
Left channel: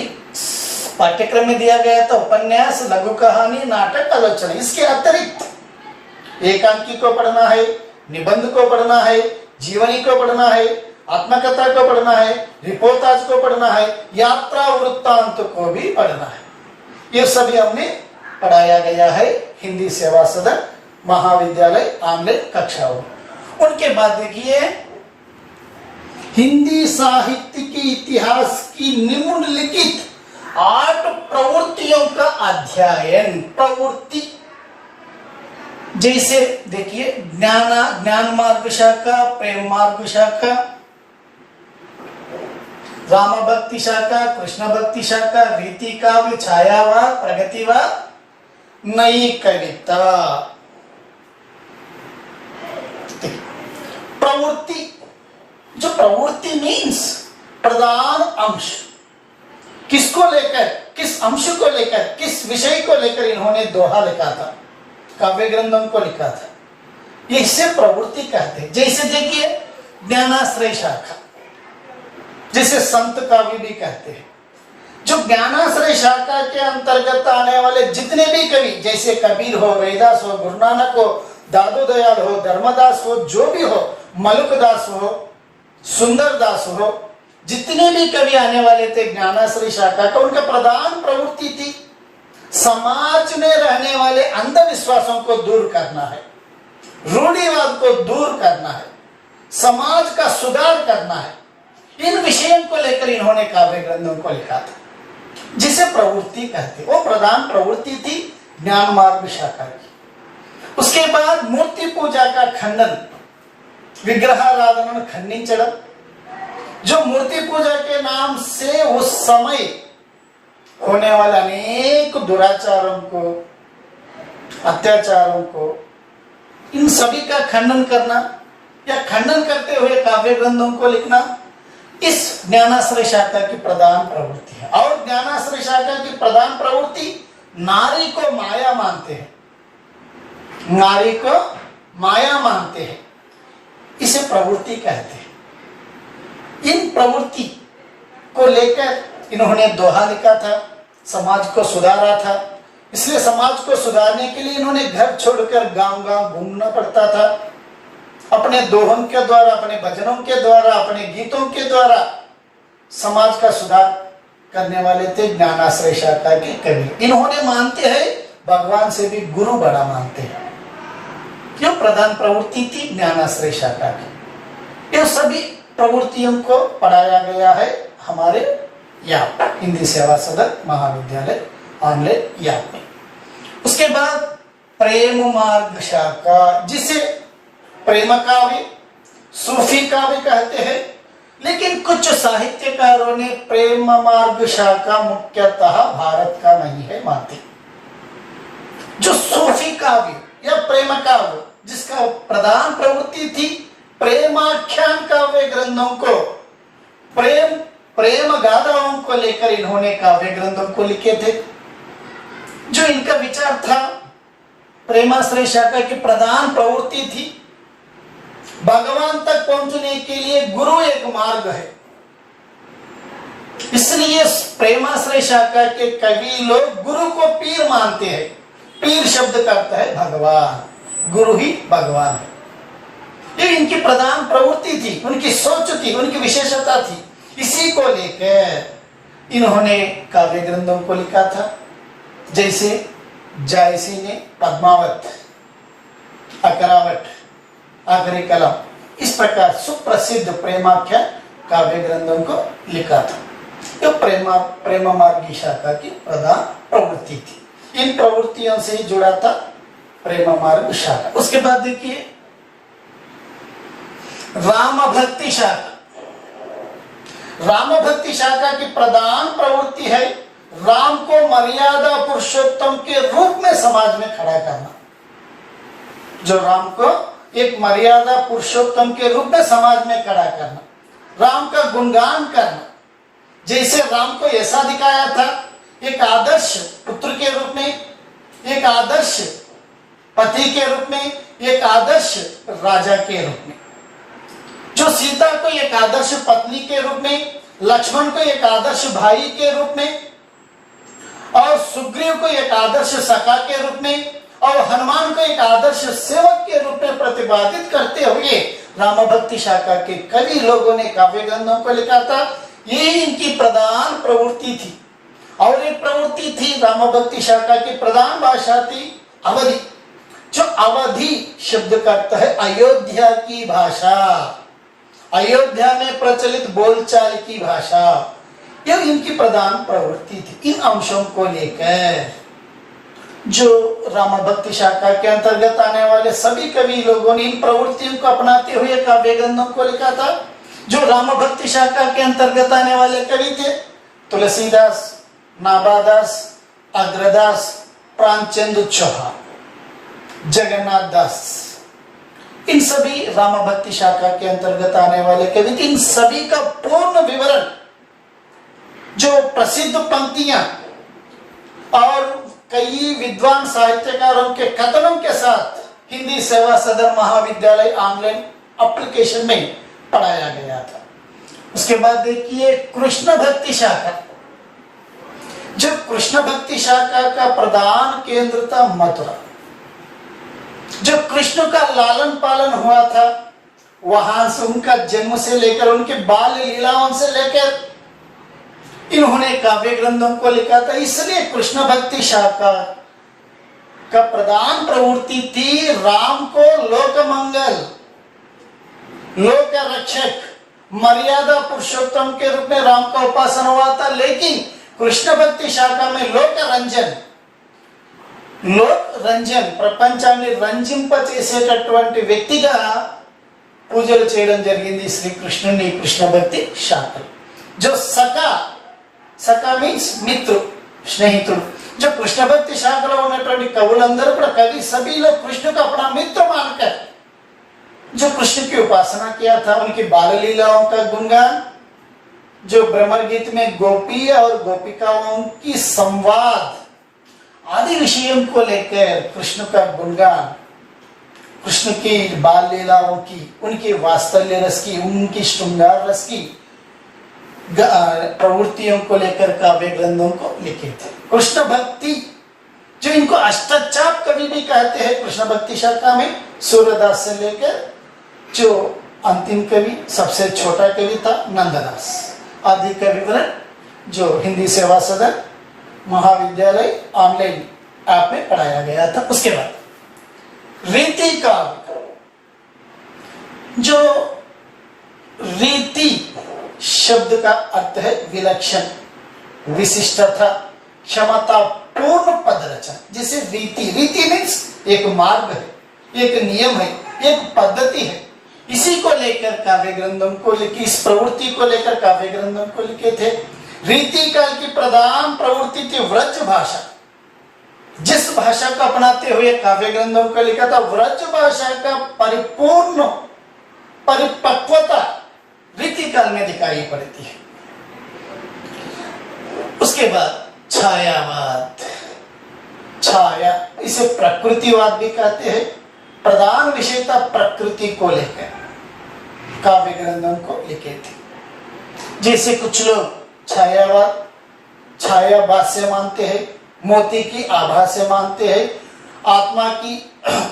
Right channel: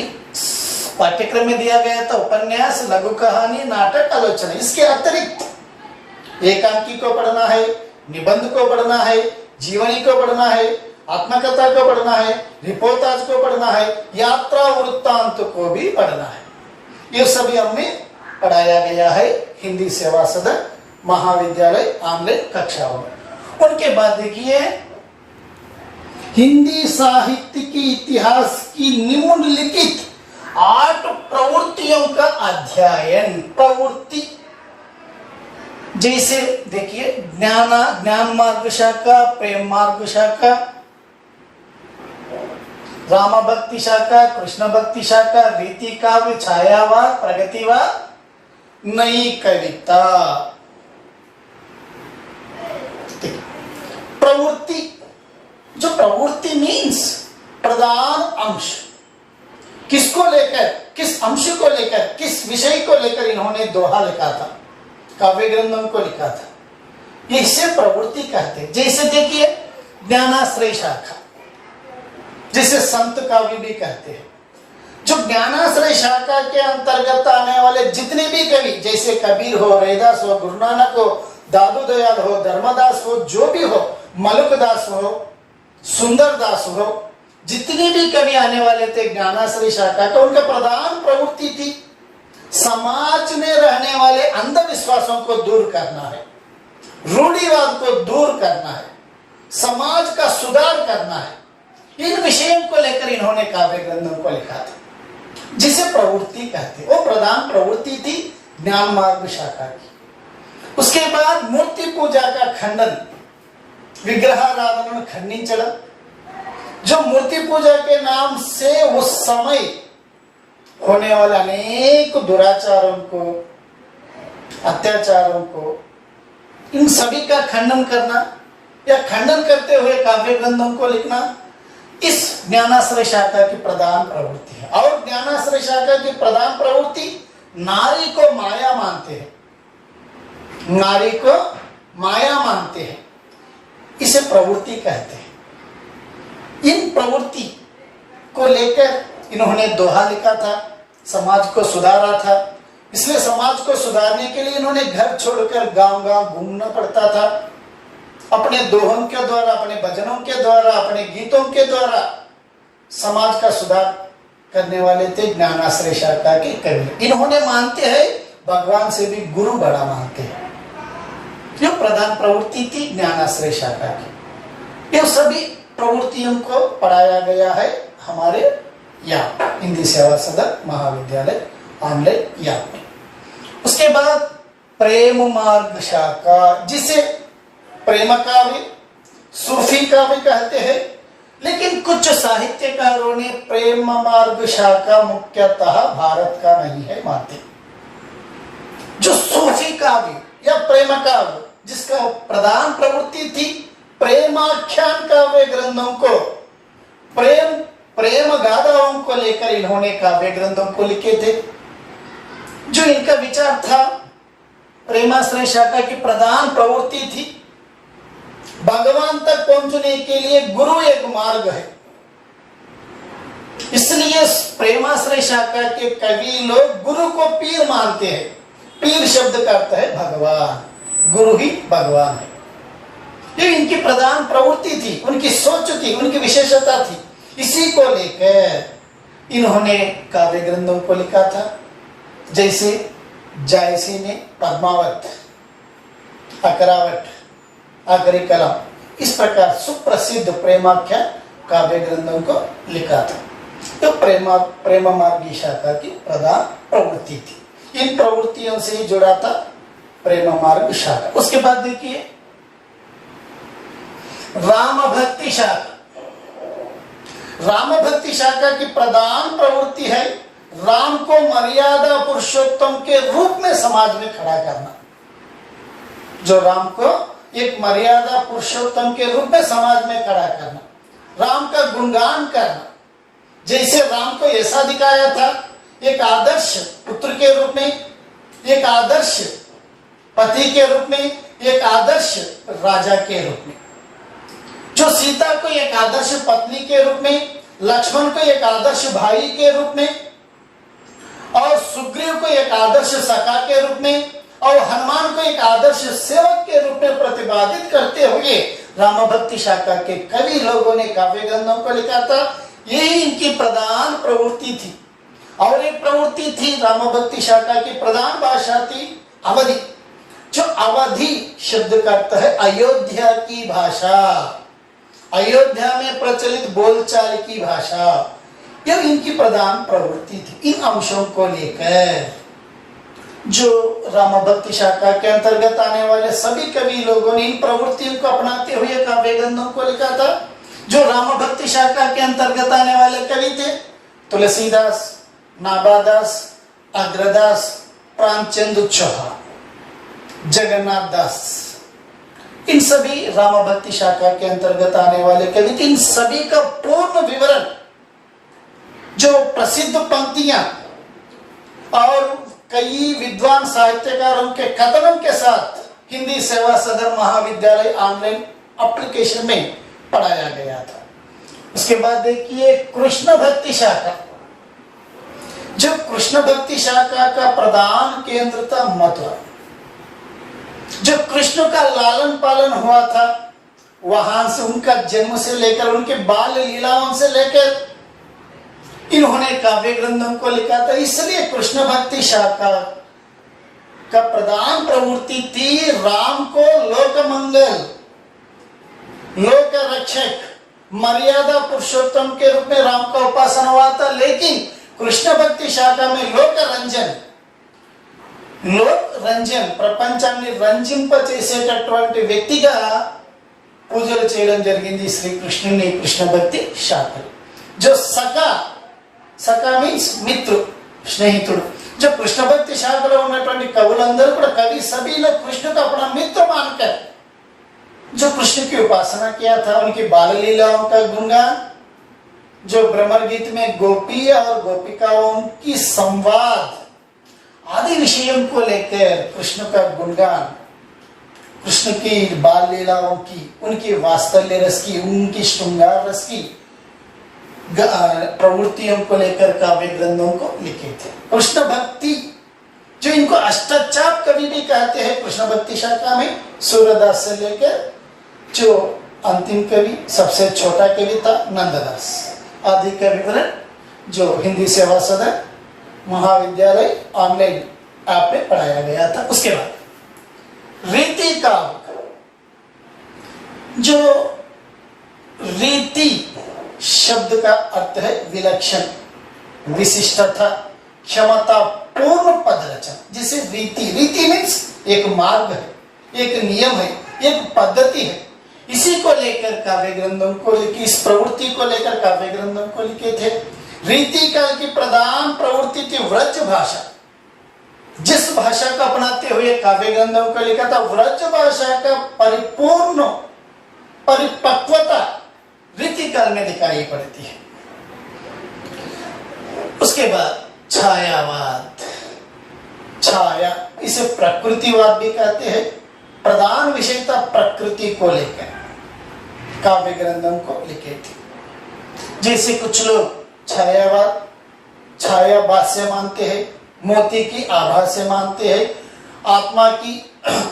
पाठ्यक्रम में दिया गया था उपन्यास, लघु कहानी, नाटक, आलोचना, इसके अतिरिक्त एकांकी को पढ़ना है, निबंध को पढ़ना है, जीवनी को पढ़ना है, आत्मकथा को पढ़ना है, रिपोर्टाज को पढ़ना है, यात्रा वृत्तांत को भी पढ़ना है। ये सभी हमें पढ़ाया गया है हिंदी सेवा सदन महाविद्यालय ऑनलाइन कक्षाओं में। उनके बाद देखिए, हिंदी साहित्य की इतिहास की निम्नलिखित 8 प्रवृत्तियों का अध्ययन। प्रवृत्ति जैसे देखिए, ज्ञान मार्ग शाखा, प्रेम मार्ग शाखा, राम भक्ति शाखा, कृष्ण भक्ति शाखा, रीति काव्य, छायावाद, प्रगतिवाद, नई कविता। प्रवृत्ति, जो प्रवृत्ति मीन्स प्रधान अंश, किसको लेकर, किस अंश को लेकर, किस विषय को लेकर इन्होंने दोहा लिखा था, काव्य ग्रंथों को लिखा था, इसे प्रवृत्ति कहते हैं। जैसे देखिए, ज्ञानाश्रय शाखा, जिसे संत काव्य भी कहते हैं। जो ज्ञानाश्रय शाखा के अंतर्गत आने वाले जितने भी कवि, जैसे कबीर हो, रैदास हो, गुरु नानक हो, दादू दयाल हो, धर्मदास हो, जो भी हो, मलुकदास हो, सुंदरदास हो, जितने भी कवि आने वाले थे ज्ञानाश्रय शाखा का, उनका प्रधान प्रवृत्ति थी समाज में रहने वाले अंधविश्वासों को दूर करना है, रूढ़िवाद को दूर करना है, समाज का सुधार करना है। इन विषयों को लेकर इन्होंने काव्य ग्रंथों को लिखा था, जिसे प्रवृत्ति कहते। वो प्रधान प्रवृत्ति थी ज्ञान मार्ग शाखा की। उसके बाद मूर्ति पूजा का खंडन, विग्रहाराधन खंडिंचడం, जो मूर्ति पूजा के नाम से उस समय होने वाले अनेक दुराचारों को, अत्याचारों को, इन सभी का खंडन करना या खंडन करते हुए काव्य ग्रंथों को लिखना, इस ज्ञानाश्रय शाखा की प्रधान प्रवृत्ति है। और ज्ञानाश्रय शाखा की प्रधान प्रवृत्ति नारी को माया मानते हैं, नारी को माया मानते हैं, इसे प्रवृत्ति कहते हैं। इन प्रवृत्ति को लेकर इन्होंने दोहा लिखा था, समाज को सुधारा था। इसलिए समाज को सुधारने के लिए इन्होंने घर छोड़कर गांव-गांव घूमना पड़ता था। अपने दोहों के द्वारा, अपने भजनों के द्वारा, अपने गीतों के द्वारा समाज का सुधार करने वाले थे ज्ञानाश्रय शाखा के कवि। इन्होंने मानते हैं भगवान से भी गुरु बड़ा मानते हैं। जो प्रधान प्रवृत्ति थी ज्ञानाश्रय शाखा की। इन सभी प्रवृत्तियों को पढ़ाया गया है हमारे यहाँ हिंदी सेवा सदन महाविद्यालय ऑनलाइन याप में। उसके बाद प्रेम मार्ग शाखा, जिसे प्रेम काव्य, सूफी काव्य कहते हैं, लेकिन कुछ साहित्यकारों ने प्रेम मार्ग शाखा मुख्यतः भारत का नहीं है मानते। जो सूफी काव्य या प्रेम काव्य, जिसका प्रधान प्रवृत्ति थी प्रेमाख्यान काव्य ग्रंथों को, प्रेम गाथाओं को लेकर इन्होंने काव्य ग्रंथों को लिखे थे। जो इनका विचार था, प्रेमाश्रय शाखा की प्रधान प्रवृत्ति थी भगवान तक पहुंचने के लिए गुरु एक मार्ग है। इसलिए प्रेमाश्रय शाखा के कवि लोग गुरु को पीर मानते हैं। पीर शब्द का अर्थ है भगवान, गुरु ही भगवान है। ये इनकी प्रधान प्रवृत्ति थी, उनकी सोच थी, उनकी विशेषता थी। इसी को लेकर इन्होंने काव्य ग्रंथों को लिखा था। जैसे जायसी ने पद्मावत, अकरावट, आखिरी कलम, इस प्रकार सुप्रसिद्ध प्रेमाख्या काव्य ग्रंथों को लिखा था। तो प्रेम मार्गी शाखा की प्रधान प्रवृत्ति थी। इन प्रवृत्तियों से ही जुड़ा था प्रेम मार्ग शाखा। उसके बाद देखिए राम भक्ति शाखा। राम भक्ति शाखा की प्रधान प्रवृत्ति है राम को मर्यादा पुरुषोत्तम के रूप में समाज में खड़ा करना। जो राम को एक मर्यादा पुरुषोत्तम के रूप में समाज में खड़ा करना, राम का गुणगान करना। जैसे राम को ऐसा दिखाया था एक आदर्श पुत्र के रूप में, एक आदर्श पति के रूप में, एक आदर्श राजा के रूप में। जो सीता को एक आदर्श पत्नी के रूप में, लक्ष्मण को एक आदर्श भाई के रूप में, और सुग्रीव को एक आदर्श सखा के रूप में, और हनुमान को एक आदर्श सेवक के रूप में प्रतिपादित करते हुए राम भक्ति शाखा के कवि लोगों ने काव्य ग्रंथों को लिखा था। यही इनकी प्रधान प्रवृत्ति थी। और एक प्रवृत्ति थी राम भक्ति शाखा की प्रधान भाषा थी अवधि। जो अवधि शब्द का अर्थ है अयोध्या की भाषा, अयोध्या में प्रचलित बोलचाल की भाषा। यह इनकी प्रधान प्रवृत्ति थी। इन अंशों को लेकर जो राम भक्ति शाखा के अंतर्गत आने वाले सभी कवि लोगों ने इन प्रवृत्तियों को अपनाते हुए काव्य ग्रंथों को लिखा था। जो राम भक्ति शाखा के अंतर्गत आने वाले कवि थे तुलसीदास, नाभादास, अग्रदास, प्राणचंद्र चौहान, जगन्नाथ दास, इन सभी राम भक्ति शाखा के अंतर्गत आने वाले कवि थे। इन सभी का पूर्ण विवरण, जो प्रसिद्ध पंक्तियां और कई विद्वान साहित्यकार उनके कथनों के साथ हिंदी सेवा सदन महाविद्यालय ऑनलाइन एप्लीकेशन में पढ़ाया गया था। उसके बाद देखिए कृष्ण भक्ति शाखा। जब कृष्ण भक्ति शाखा का प्रधान केंद्र था मथुरा, जब कृष्ण का लालन पालन हुआ था, वहां से उनका जन्म से लेकर उनके बाल लीलाओं से लेकर इन्होंने काव्य ग्रंथों को लिखा था। इसलिए कृष्ण भक्ति शाखा का प्रधान प्रवृत्ति थी राम को लोक मंगल, लोक रक्षक, मर्यादा पुरुषोत्तम के रूप में राम का उपासन हुआ था। लेकिन कृष्ण भक्ति शाखा में लोक రంజన్ ప్రపంచాన్ని రంజింపచేసేటటువంటి వ్యక్తిగా పూజలు చేయడం జరిగింది శ్రీకృష్ణుని కృష్ణ భక్తి శాఖ। जो సఖా మీన్స్ మిత్రు, స్నేహితుడు। जो कृष्ण भक्ति शाखలో ఉన్నటువంటి కవులందరూ కూడా कवि सभी लोग कृष्ण को अपना मित्र मानकर जो कृष्ण की उपासना किया था, उनकी बाल लीलाओं का गुणगान, जो भ्रमर गीत में गोपी और गोपिकाओं की संवाद आदि विषयों को लेकर कृष्ण का गुणगान, कृष्ण की बाल लीलाओं की, उनकी वात्सल्य रस की, उनकी श्रृंगार रस की प्रवृत्तियों को लेकर काव्य ग्रंथों को लिखे थे। कृष्ण भक्ति, जो इनको अष्टचाप कवि भी कहते हैं कृष्ण भक्ति शाखा में, सूरदास से लेकर जो अंतिम कवि सबसे छोटा कवि था नंददास आदि का विवरण जो हिंदी सेवा सदन महाविद्यालय ऑनलाइन ऐप में पढ़ाया गया था। उसके बाद रीति काव्य, जो रीति शब्द का अर्थ है विलक्षण, विशिष्टता, क्षमता, पूर्ण पद रचना। जैसे रीति मीन्स एक मार्ग है, एक नियम है, एक पद्धति है। इसी को लेकर काव्य ग्रंथों को लिखी, इस प्रवृत्ति को लेकर काव्य ग्रंथों को लिखे थे। रीति काल की प्रधान प्रवृत्ति थी व्रज भाषा। जिस भाषा को अपनाते हुए काव्य ग्रंथों को लिखा था, व्रज भाषा का परिपूर्ण परिपक्वता रीति काल में दिखाई पड़ती है। उसके बाद छायावाद, छाया, इसे प्रकृतिवाद भी कहते हैं। प्रधान विषय था प्रकृति को लेकर काव्य ग्रंथों को लिखे थे। जैसे कुछ लोग छायावाद, छायावाद से मानते हैं, मोती की आभा से मानते हैं, आत्मा की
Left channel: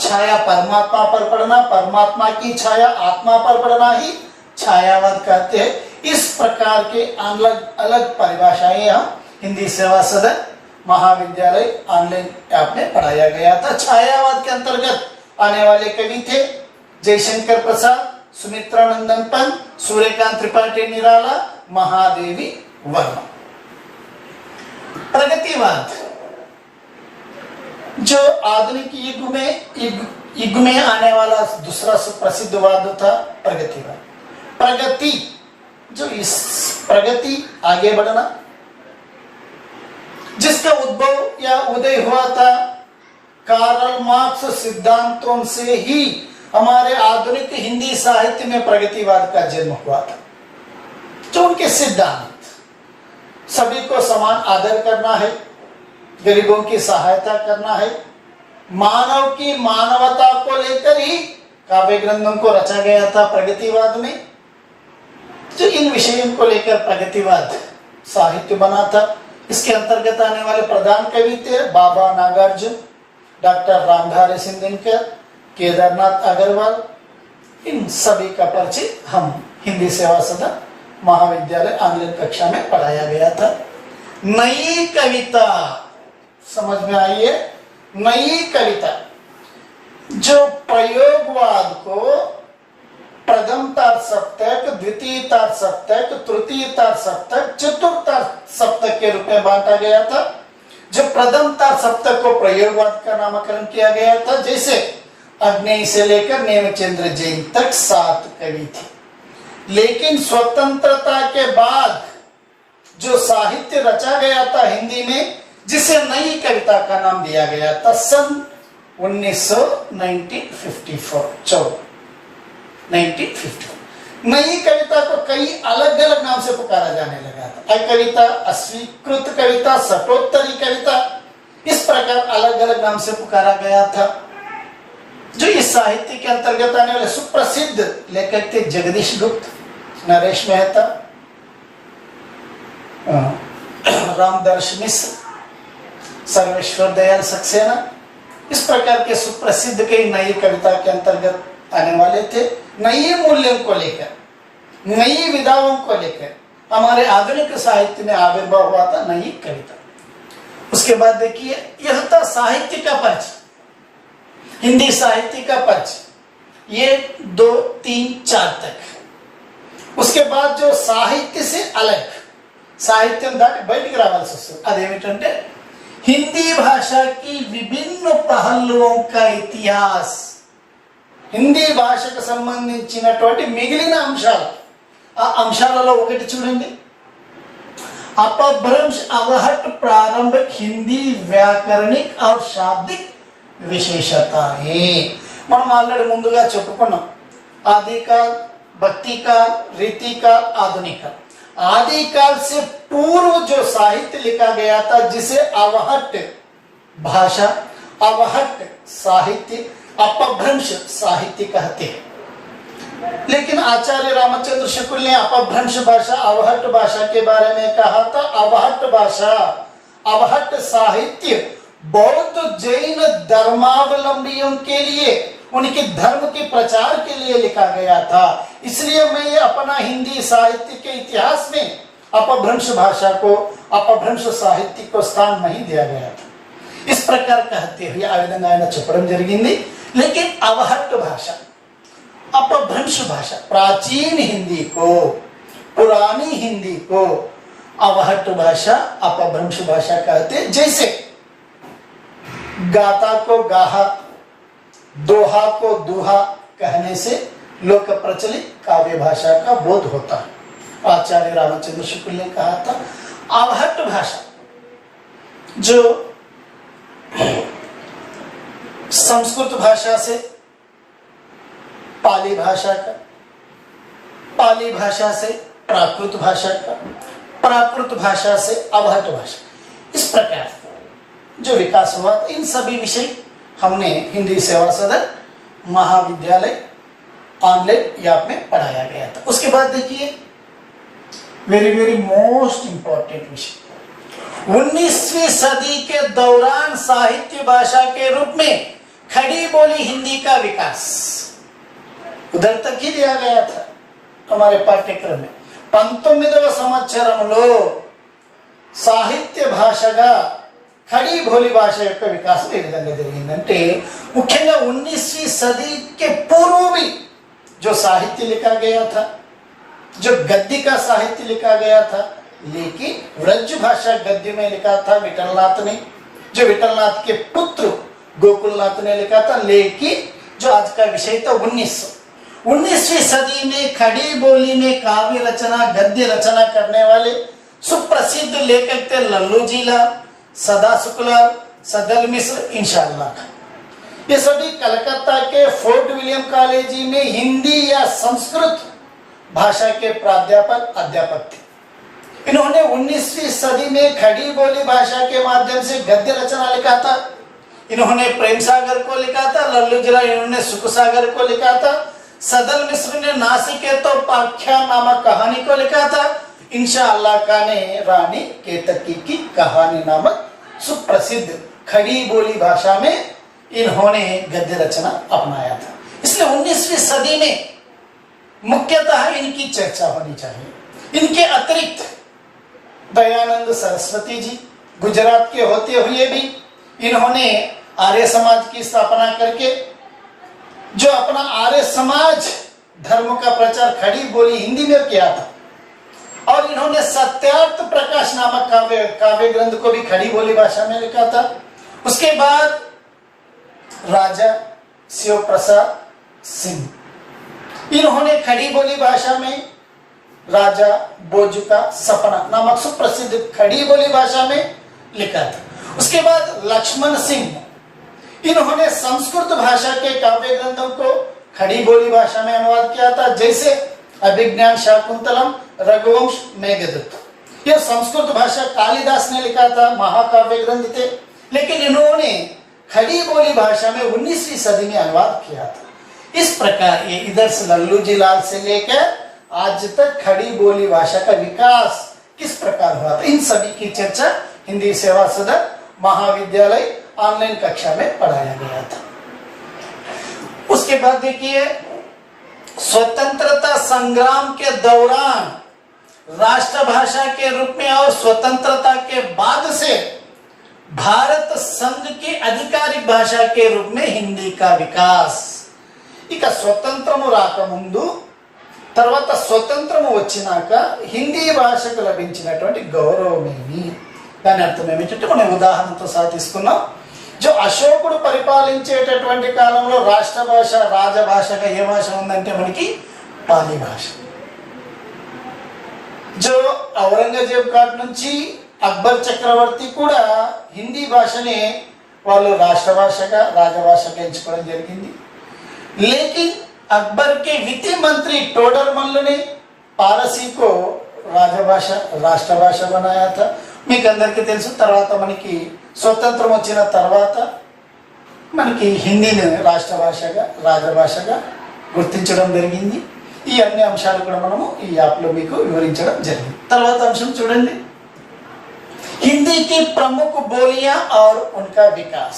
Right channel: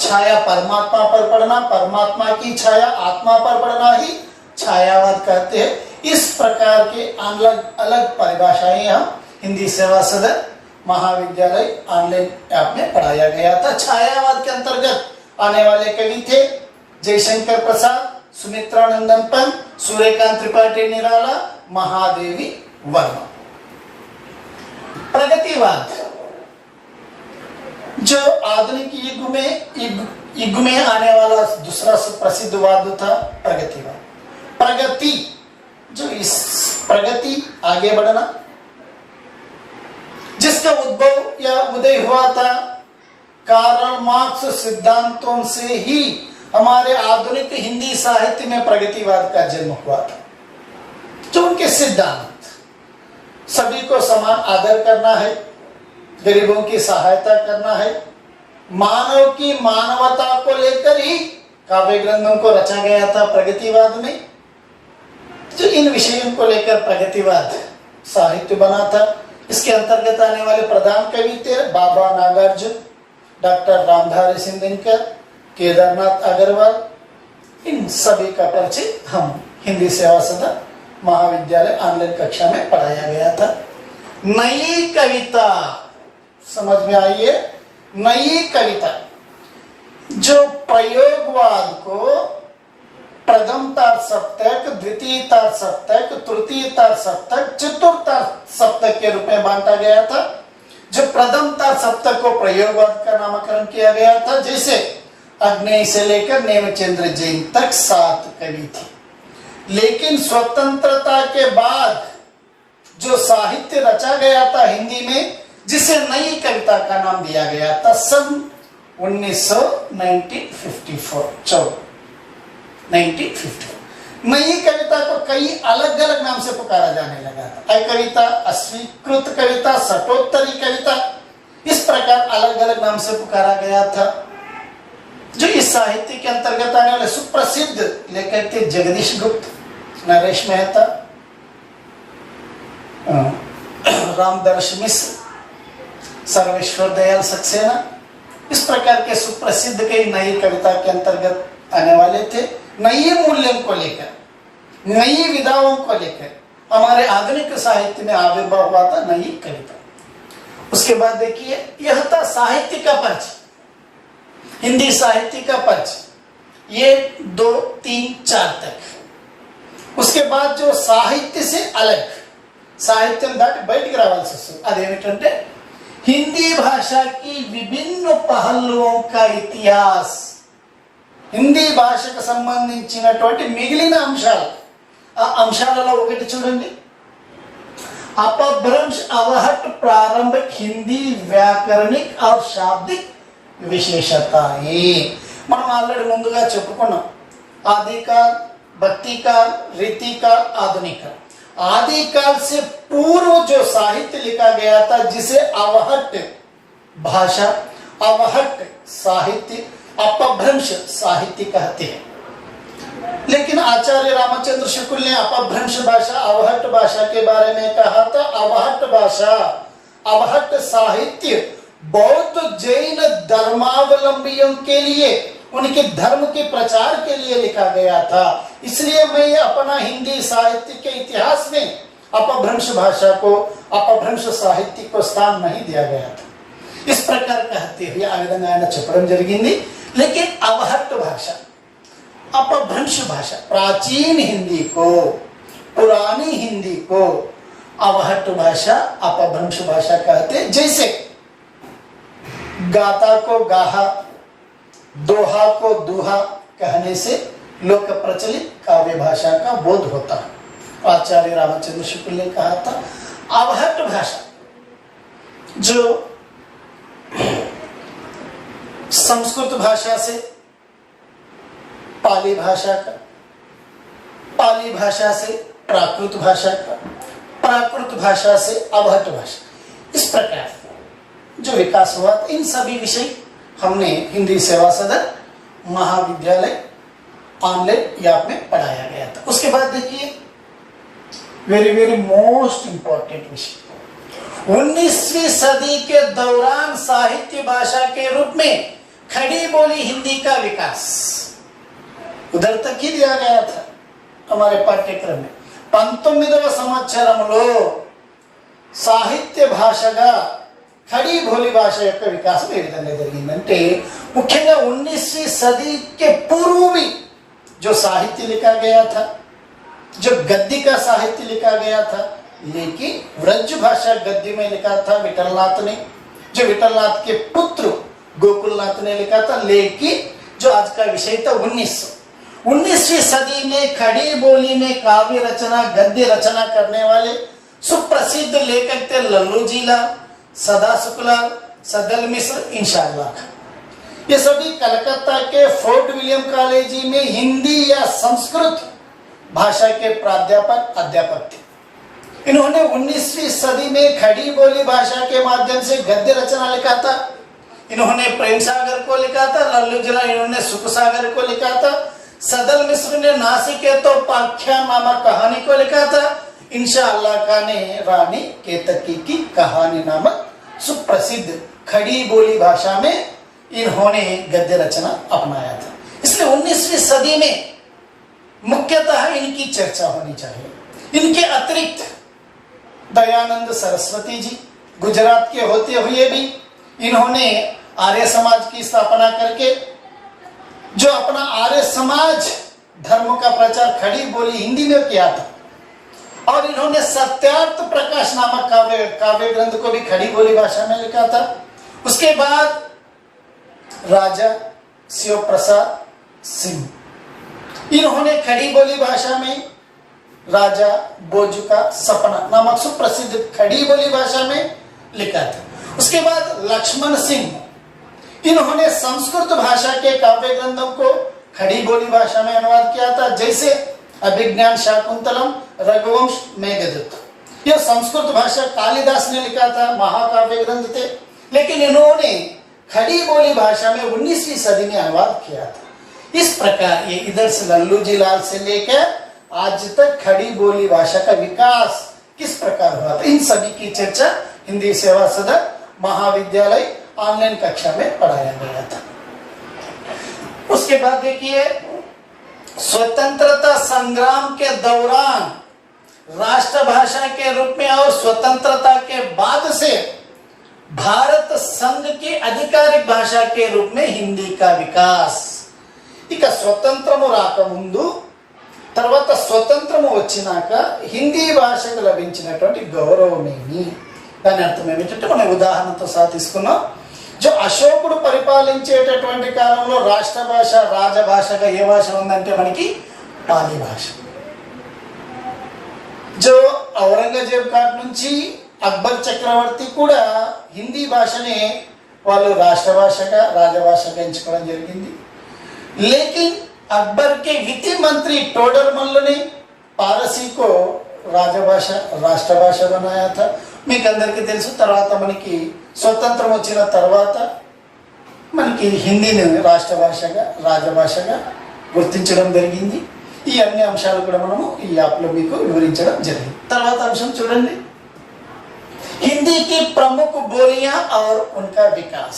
छाया परमात्मा पर पड़ना, परमात्मा की छाया आत्मा पर पड़ना ही छायावाद कहते हैं। इस प्रकार के अलग अलग परिभाषाएं यहाँ हिंदी सेवा सदन महाविद्यालय ऑनलाइन ऐप में पढ़ाया गया था। छायावाद के अंतर्गत आने वाले कवि थे जयशंकर प्रसाद, सुमित्रा नंदन पंत, सूर्यकांत त्रिपाठी निराला, महादेवी वर्मा। प्रगतिवाद, जो आधुनिक युग में आने वाला दूसरा प्रसिद्ध वाद था प्रगतिवाद। प्रगति, जो इस प्रगति आगे बढ़ना, जिसका उद्भव या उदय हुआ था कार्ल मार्क्स सिद्धांतों से ही हमारे आधुनिक हिंदी साहित्य में प्रगतिवाद का जन्म हुआ था। जो उनके सिद्धांत, सभी को समान आदर करना है, गरीबों की सहायता करना है, मानव की मानवता को लेकर ही काव्य ग्रंथों को रचा गया था प्रगतिवाद में। जो इन विषयों को लेकर प्रगतिवाद साहित्य बना था। इसके अंतर्गत आने वाले प्रधान कवि थे बाबा नागार्जुन, डॉक्टर रामधारी सिंह दिनकर, केदारनाथ अग्रवाल। इन सभी का परिचय हम हिंदी सेवा सदन महाविद्यालय ऑनलाइन कक्षा में पढ़ाया गया था। नई कविता समझ में आई है। नई कविता जो प्रयोगवाद को प्रथम तार सप्तक, द्वितीय तार सप्तक, तृतीय तार सप्तक, चतुर्थ सप्तक के रूप में बांटा गया था। जो प्रथम तार सप्तक को प्रयोगवाद का नामकरण किया गया था, जैसे अग्नेय से लेकर नेमिचंद्र जैन तक 7 कवि थे। लेकिन स्वतंत्रता के बाद जो साहित्य रचा गया था हिंदी में, जिसे नई कविता का नाम दिया गया था, सन 1954 नई कविता को कई अलग अलग नाम से पुकारा जाने लगा था। कविता, अस्वीकृत कविता, शतोत्तरी कविता, इस प्रकार अलग अलग नाम से पुकारा गया था। जो इस साहित्य के अंतर्गत आने वाले सुप्रसिद्ध लेखक थे जगदीश गुप्त, नरेश मेहता, रामदर्श मिश्र, सर्वेश्वर दयाल सक्सेना। इस प्रकार के सुप्रसिद्ध कई नई कविता के अंतर्गत आने वाले थे। नई मूल्यों को लेकर, नई विधाओं को लेकर हमारे आधुनिक साहित्य में आविर्भाव हुआ था नई कविता। उसके बाद देखिए, यह था साहित्य का परिचय, हिंदी साहित्य का परिचय, ये 2, 3, 4 तक। उसके बाद जो साहित्य से अलग, साहित्य दाटी బయటికి రావాల్సి వస్తుంది, అదేమిటంటే हिंदी भाषा की विभिन्न पहलुओं का इतिहास, హిందీ భాషకు సంబంధించినటువంటి మిగిలిన అంశాలు, ఆ అంశాలలో ఒకటి చూడండి, अपभ्रंश अवहट प्रारंभिक हिंदी व्याकरणिक और शाब्दिक विशेषताएं। మనం ఆల్రెడీ ముందుగా చెప్పుకున్నాం, आदिकाल, भक्तिकाल, रीतिकाल, आधुनिक काल। आदिकाल से पूर्व जो साहित्य लिखा गया था, जिसे अवहट भाषा, अवहट साहित्य, अपभ्रंश साहित्य कहते हैं। लेकिन आचार्य रामचंद्र शुक्ल ने अपभ्रंश भाषा, अवहट भाषा के बारे में कहा था, अवहट भाषा, अवहट साहित्य बौद्ध जैन धर्मावलंबियों के लिए, उनके धर्म के प्रचार के लिए लिखा गया था। इसलिए मैं अपना हिंदी साहित्य के इतिहास में अपभ्रंश भाषा को, अपभ्रंश साहित्य को स्थान नहीं दिया गया था। इस प्रकार कहते हुए आ विधंगा ఆయన చెప్పడం జరిగింది। लेकिन अवहट भाषा, अपभ्रंश भाषा, प्राचीन हिंदी को, पुरानी हिंदी को अवहट भाषा, अपभ्रंश भाषा कहते। जैसे गाता को गाहा, दोहा को दुहा कहने से लोक प्रचलित काव्य भाषा का बोध होता है। आचार्य रामचंद्र शुक्ल ने कहा था, अवहट भाषा जो संस्कृत भाषा से पाली भाषा का, पाली भाषा से प्राकृत भाषा का, प्राकृत भाषा से अवहट भाषा, इस प्रकार जो विकास हुआ, इन सभी विषय हमने हिंदी सेवा सदन महाविद्यालय ऑनलाइन याप में पढ़ाया गया था। उसके बाद देखिए, वेरी वेरी मोस्ट इंपॉर्टेंट विषय, 19वीं सदी के दौरान साहित्य भाषा के रूप में खड़ी बोली हिंदी का विकास, उधर तक ही दिया गया था हमारे पाठ्यक्रम में। 19వ సంవత్సరంలో సాహిత్య భాషగా खड़ी बोली भाषा యొక్క వికాసం ఏ విధంగా జరిగిందంటే, ముఖ్యంగా 19वीं सदी के पूर्व भी जो साहित्य लिखा गया था, जो गद्य का साहित्य लिखा गया था, लेकिन व्रज भाषा गद्य में लिखा था विठलनाथ ने, जो विठलनाथ के पुत्र गोकुलनाथ ने लिखा था। लेकिन जो आज का विषय था 19वीं सदी में खड़ी बोली में काव्य रचना, गद्य रचना करने वाले सुप्रसिद्ध लेखक थे लल्लू जीला, सदा शुक्ला, सदल मिश्र, इंशाअल्लाह। ये सभी कलकत्ता के फोर्ट विलियम कॉलेज में हिंदी या संस्कृत भाषा के प्राध्यापक अध्यापक थे। इन्होंने 19वीं सदी में खड़ी बोली भाषा के माध्यम से गद्य रचना लिखा था। इन्होंने प्रेम सागर को लिखा था, लल्लू जीरा इन्होंने सुख सागर को लिखा था। सदल मिश्र ने नासिकेतोपाख्यान नामक कहानी को लिखा था। इंशाअल्लाह खां ने रानी केतकी की कहानी नामक सुप्रसिद्ध खड़ी बोली भाषा में इन्होंने गद्य रचना अपनाया था। इसलिए 19वीं सदी में मुख्यतः इनकी चर्चा होनी चाहिए। इनके अतिरिक्त दयानंद सरस्वती जी गुजरात के होते हुए भी इन्होंने आर्य समाज की स्थापना करके जो अपना आर्य समाज धर्म का प्रचार खड़ी बोली हिंदी में किया था, और इन्होंने सत्यार्थ प्रकाश नामक काव्य ग्रंथ को भी खड़ी बोली भाषा में लिखा था। उसके बाद राजा शिव प्रसाद सिंह, इन्होंने खड़ी बोली भाषा में राजा बोजू का सपना नामक सुप्रसिद्ध खड़ी बोली भाषा में लिखा था। उसके बाद लक्ष्मण सिंह, इन्होंने संस्कृत भाषा के काव्य ग्रंथों को खड़ी बोली भाषा में अनुवाद किया था, जैसे अभिज्ञान शाकुंतलम, रघुवंश, मेघदूत। यह संस्कृत भाषा कालिदास ने लिखा था, महाकाव्य ग्रंथ थे, लेकिन इन्होंने खड़ी बोली भाषा में 19वीं सदी में अनुवाद किया था। इस प्रकार ये इधर से लल्लू जी लाल से लेकर आज तक खड़ी बोली भाषा का विकास किस प्रकार हुआ था, इन सभी की चर्चा हिंदी सेवा सदन महाविद्यालय ऑनलाइन कक्षा में पढ़ाया गया था। उसके बाद देखिए, स्वतंत्रता संग्राम के दौरान राष्ट्रभाषा के रूप में और स्वतंत्रता के बाद से भारत संघ की आधिकारिक भाषा के रूप में हिंदी का विकास। ఇక స్వతంత్రము రాకముందు తర్వాత స్వతంత్రము వచ్చినాక హిందీ భాషకు లభించినటువంటి గౌరవమేమి, దాని అర్థం ఏమిటంటే మనం ఉదాహరణతో సాధిస్తున్నాం. जो అశోకుడు పరిపాలించేటటువంటి కాలంలో రాష్ట్ర భాష రాజభాషగా ఏ భాష ఉందంటే మనకి పాలి భాష. जो ఔరంగజేబ్ కాట్ నుంచి అక్బర్ చక్రవర్తి కూడా హిందీ భాషనే వాళ్ళు రాష్ట్ర భాషగా రాజభాషగా ఎంచుకోవడం జరిగింది. लेकिन अकबर के वित्त मंत्री टोडरमल ने पारसी को राजभाषा राष्ट्रभाषा बनाया था. మీకు అందరికీ తెలుసు, తర్వాత మనకి స్వతంత్రం వచ్చిన తర్వాత మనకి హిందీని రాష్ట్ర భాషగా రాజభాషగా గుర్తించడం జరిగింది. ఈ అన్ని అంశాలు కూడా మనము ఈ యాప్లో మీకు వివరించడం జరిగింది. తర్వాత అంశం చూడండి, हिंदी की प्रमुख बोलियां और उनका विकास.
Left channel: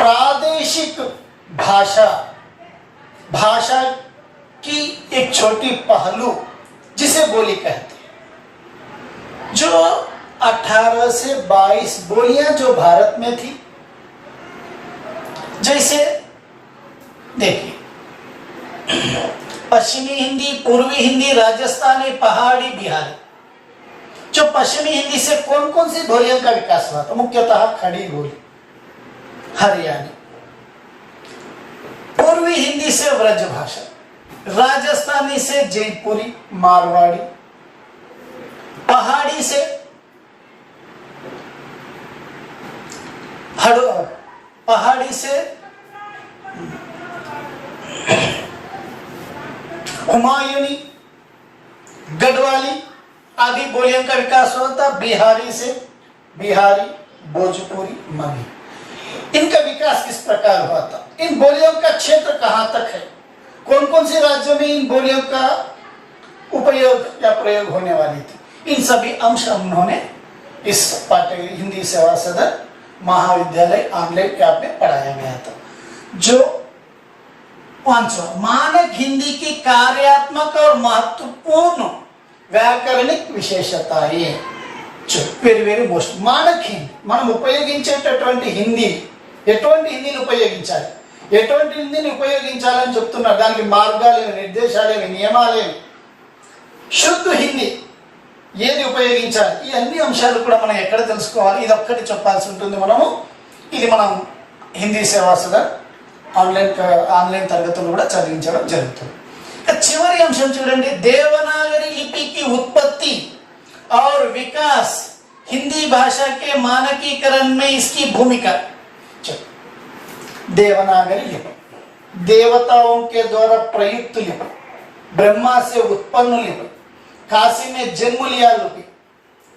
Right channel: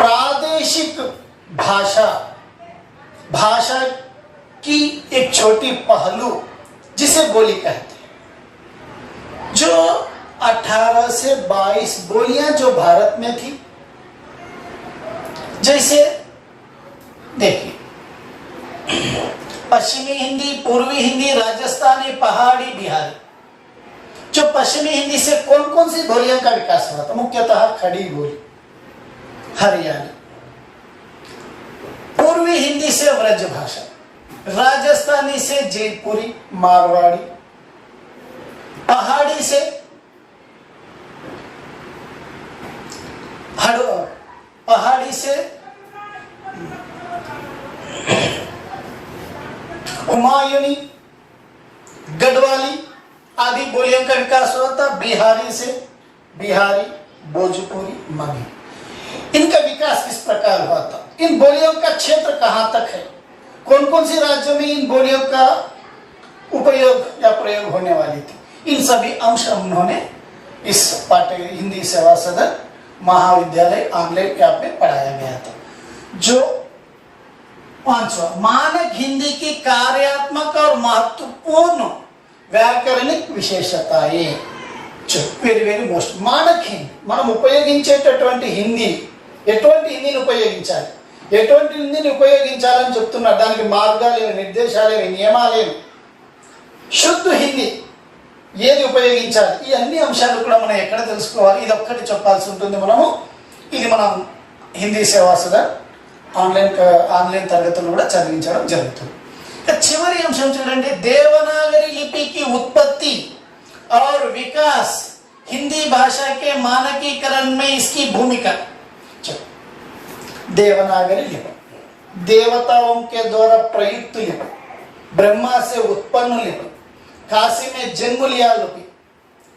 प्रादेशिक भाषा भाषा की एक छोटी पहलू जिसे बोली कहते हैं. जो 18 से 22 बोलियां जो भारत में थी, जैसे देखिए पश्चिमी हिंदी, पूर्वी हिंदी, राजस्थानी, पहाड़ी, बिहारी. जो पश्चिमी हिंदी से कौन कौन सी बोलियों का विकास हुआ था? मुख्यतः खड़ी बोली, हरियाणी. पूर्वी हिंदी से व्रज भाषा, राजस्थानी से जयपुरी, मारवाड़ी, पहाड़ी से हुमायूनी, गढ़वाली आदि बोलियों का विकास हुआ था. बिहारी से बिहारी, भोजपुरी, मगही. इनका विकास किस प्रकार हुआ था? इन बोलियों का क्षेत्र कहां तक है? कौन कौन से राज्यों में इन बोलियों का उपयोग या प्रयोग होने वाली थी? इन सभी अंश उन्होंने इस पाठ्य हिंदी सेवा सदन महाविद्यालय ऑनलाइन ऐप में पढ़ाया गया था. जो 5वां मानक हिंदी की कार्यात्मक और महत्वपूर्ण व्याकरणिक विशेषताएं. Very very most Manak Hindi, మనం ఉపయోగించేటటువంటి హిందీ ఎటువంటి హిందీని ఉపయోగించాలి, ఎటువంటి హిందీని ఉపయోగించాలని చెప్తున్నారు. దానికి మార్గాలు, నిర్దేశాలు, నియమాలు, శుద్ధ హిందీ ఏది ఉపయోగించాలి, ఈ అన్ని అంశాలు కూడా మనం ఎక్కడ తెలుసుకోవాలి, ఇది ఒక్కటి చెప్పాల్సి ఉంటుంది మనము. ఇది మనం హిందీ సేవా సదన్ ఆన్లైన్ తరగతులు కూడా చదివించడం జరుగుతుంది. చివరి అంశం చూడండి, దేవనాగరి లిపికి ఉత్పత్తి और विकास, हिंदी भाषा के मानकीकरण में इसकी भूमिका. देवनागरी लिपि देवताओं के द्वारा प्रयुक्त लिपि, ब्रह्मा से उत्पन्न लिपि, काशी में जन्म लिया लिपि,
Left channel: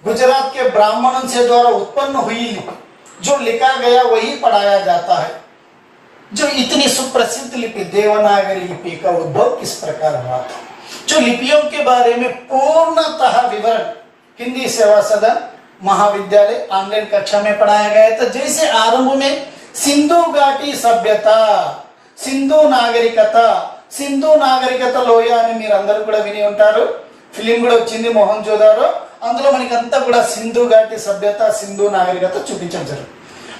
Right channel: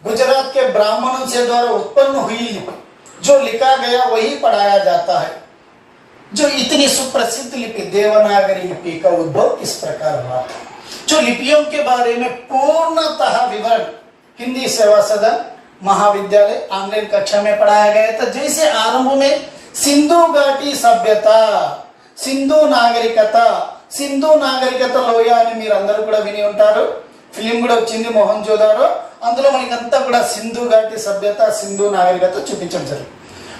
गुजरात के ब्राह्मणों से द्वारा उत्पन्न हुई लिपि. जो लिखा गया वही पढ़ाया जाता है. जो इतनी सुप्रसिद्ध लिपि देवनागरी लिपि का उद्भव किस प्रकार हुआ था, जो लिपियों के बारे में पूर्णतः विवरण हिंदी सेवा सदन महाविद्यालय ऑनलाइन कक्षा में पढ़ाया गया था। जैसे आरंभ में सिंधु घाटी सभ्यता, సింధు నాగరికతలో అని మీరు అందరూ కూడా విని ఉంటారు, ఫిలిం కూడా వచ్చింది మొహంజోదారో, అందులో మనకంతా కూడా సింధు ఘాటి సభ్యత సింధు నాగరికత చూపించడం జరిగింది.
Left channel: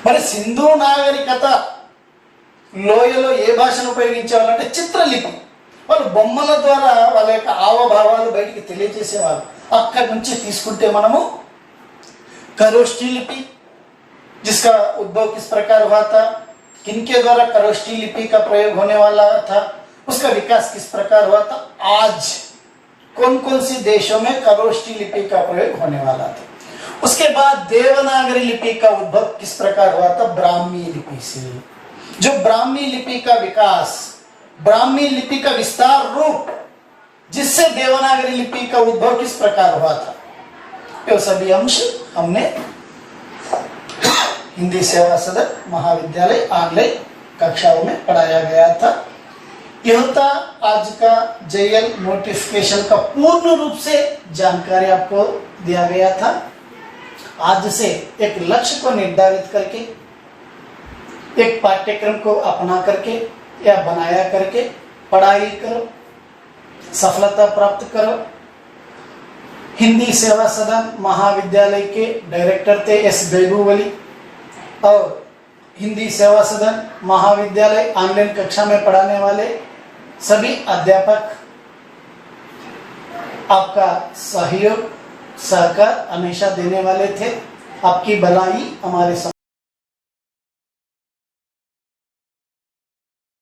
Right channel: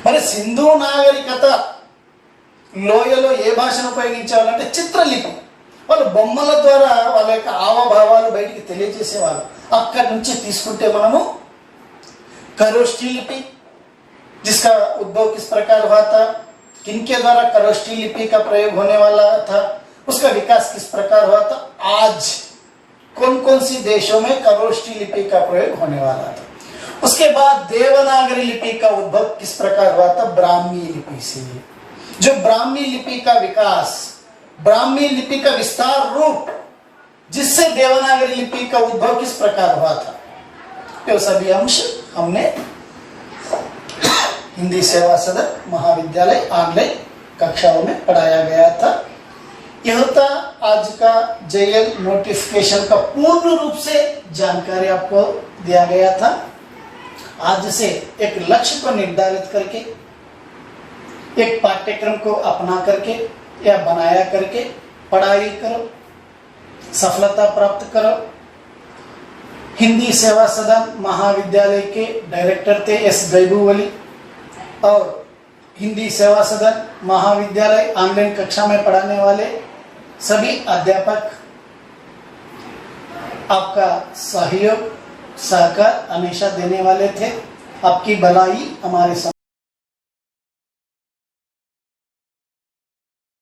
మరి సింధు నాగరికత లోయలో ఏ భాషను ఉపయోగించేవాళ్ళంటే చిత్రలిపి. వాళ్ళు బొమ్మల ద్వారా వాళ్ళ యొక్క హావభావాలు బయటికి తెలియజేసేవాళ్ళు. అక్కడి నుంచి తీసుకుంటే మనము खरोष्ठी लिपि, जिसका उद्भव किस प्रकार हुआ था, किनके द्वारा खरोष्ठी लिपि का प्रयोग होने वाला था, उसका विकास किस प्रकार हुआ था, आज कौन कौन सी देशों में खरोष्ठी लिपि का प्रयोग होने वाला था. उसके बाद देवनागरी लिपि का उद्भव किस प्रकार हुआ था, ब्राह्मी लिपि से. जो ब्राह्मी लिपि का विकास, ब्राह्मी लिपि का विस्तार रूप, जिससे देवनागरी लिपि का उद्भव किस प्रकार हुआ था, ये सभी अंश हमने हिंदी सेवा सदन महाविद्यालय ऑनलाइन कक्षाओं में पढ़ाया गया था. यह था आज का जेएल नोटिफिकेशन का पूर्ण रूप से जानकारी आपको दिया गया था. आज से एक लक्ष्य को निर्धारित करके, एक पाठ्यक्रम को अपना करके या बनाया करके पढ़ाई करो, सफलता प्राप्त करो. हिंदी सेवा सदन महाविद्यालय के डायरेक्टर थे एस गैबूवली, और हिंदी सेवा सदन महाविद्यालय ऑनलाइन कक्षा में पढ़ाने वाले सभी अध्यापक आपका सहयोग सहकार हमेशा देने वाले थे. आपकी भलाई हमारे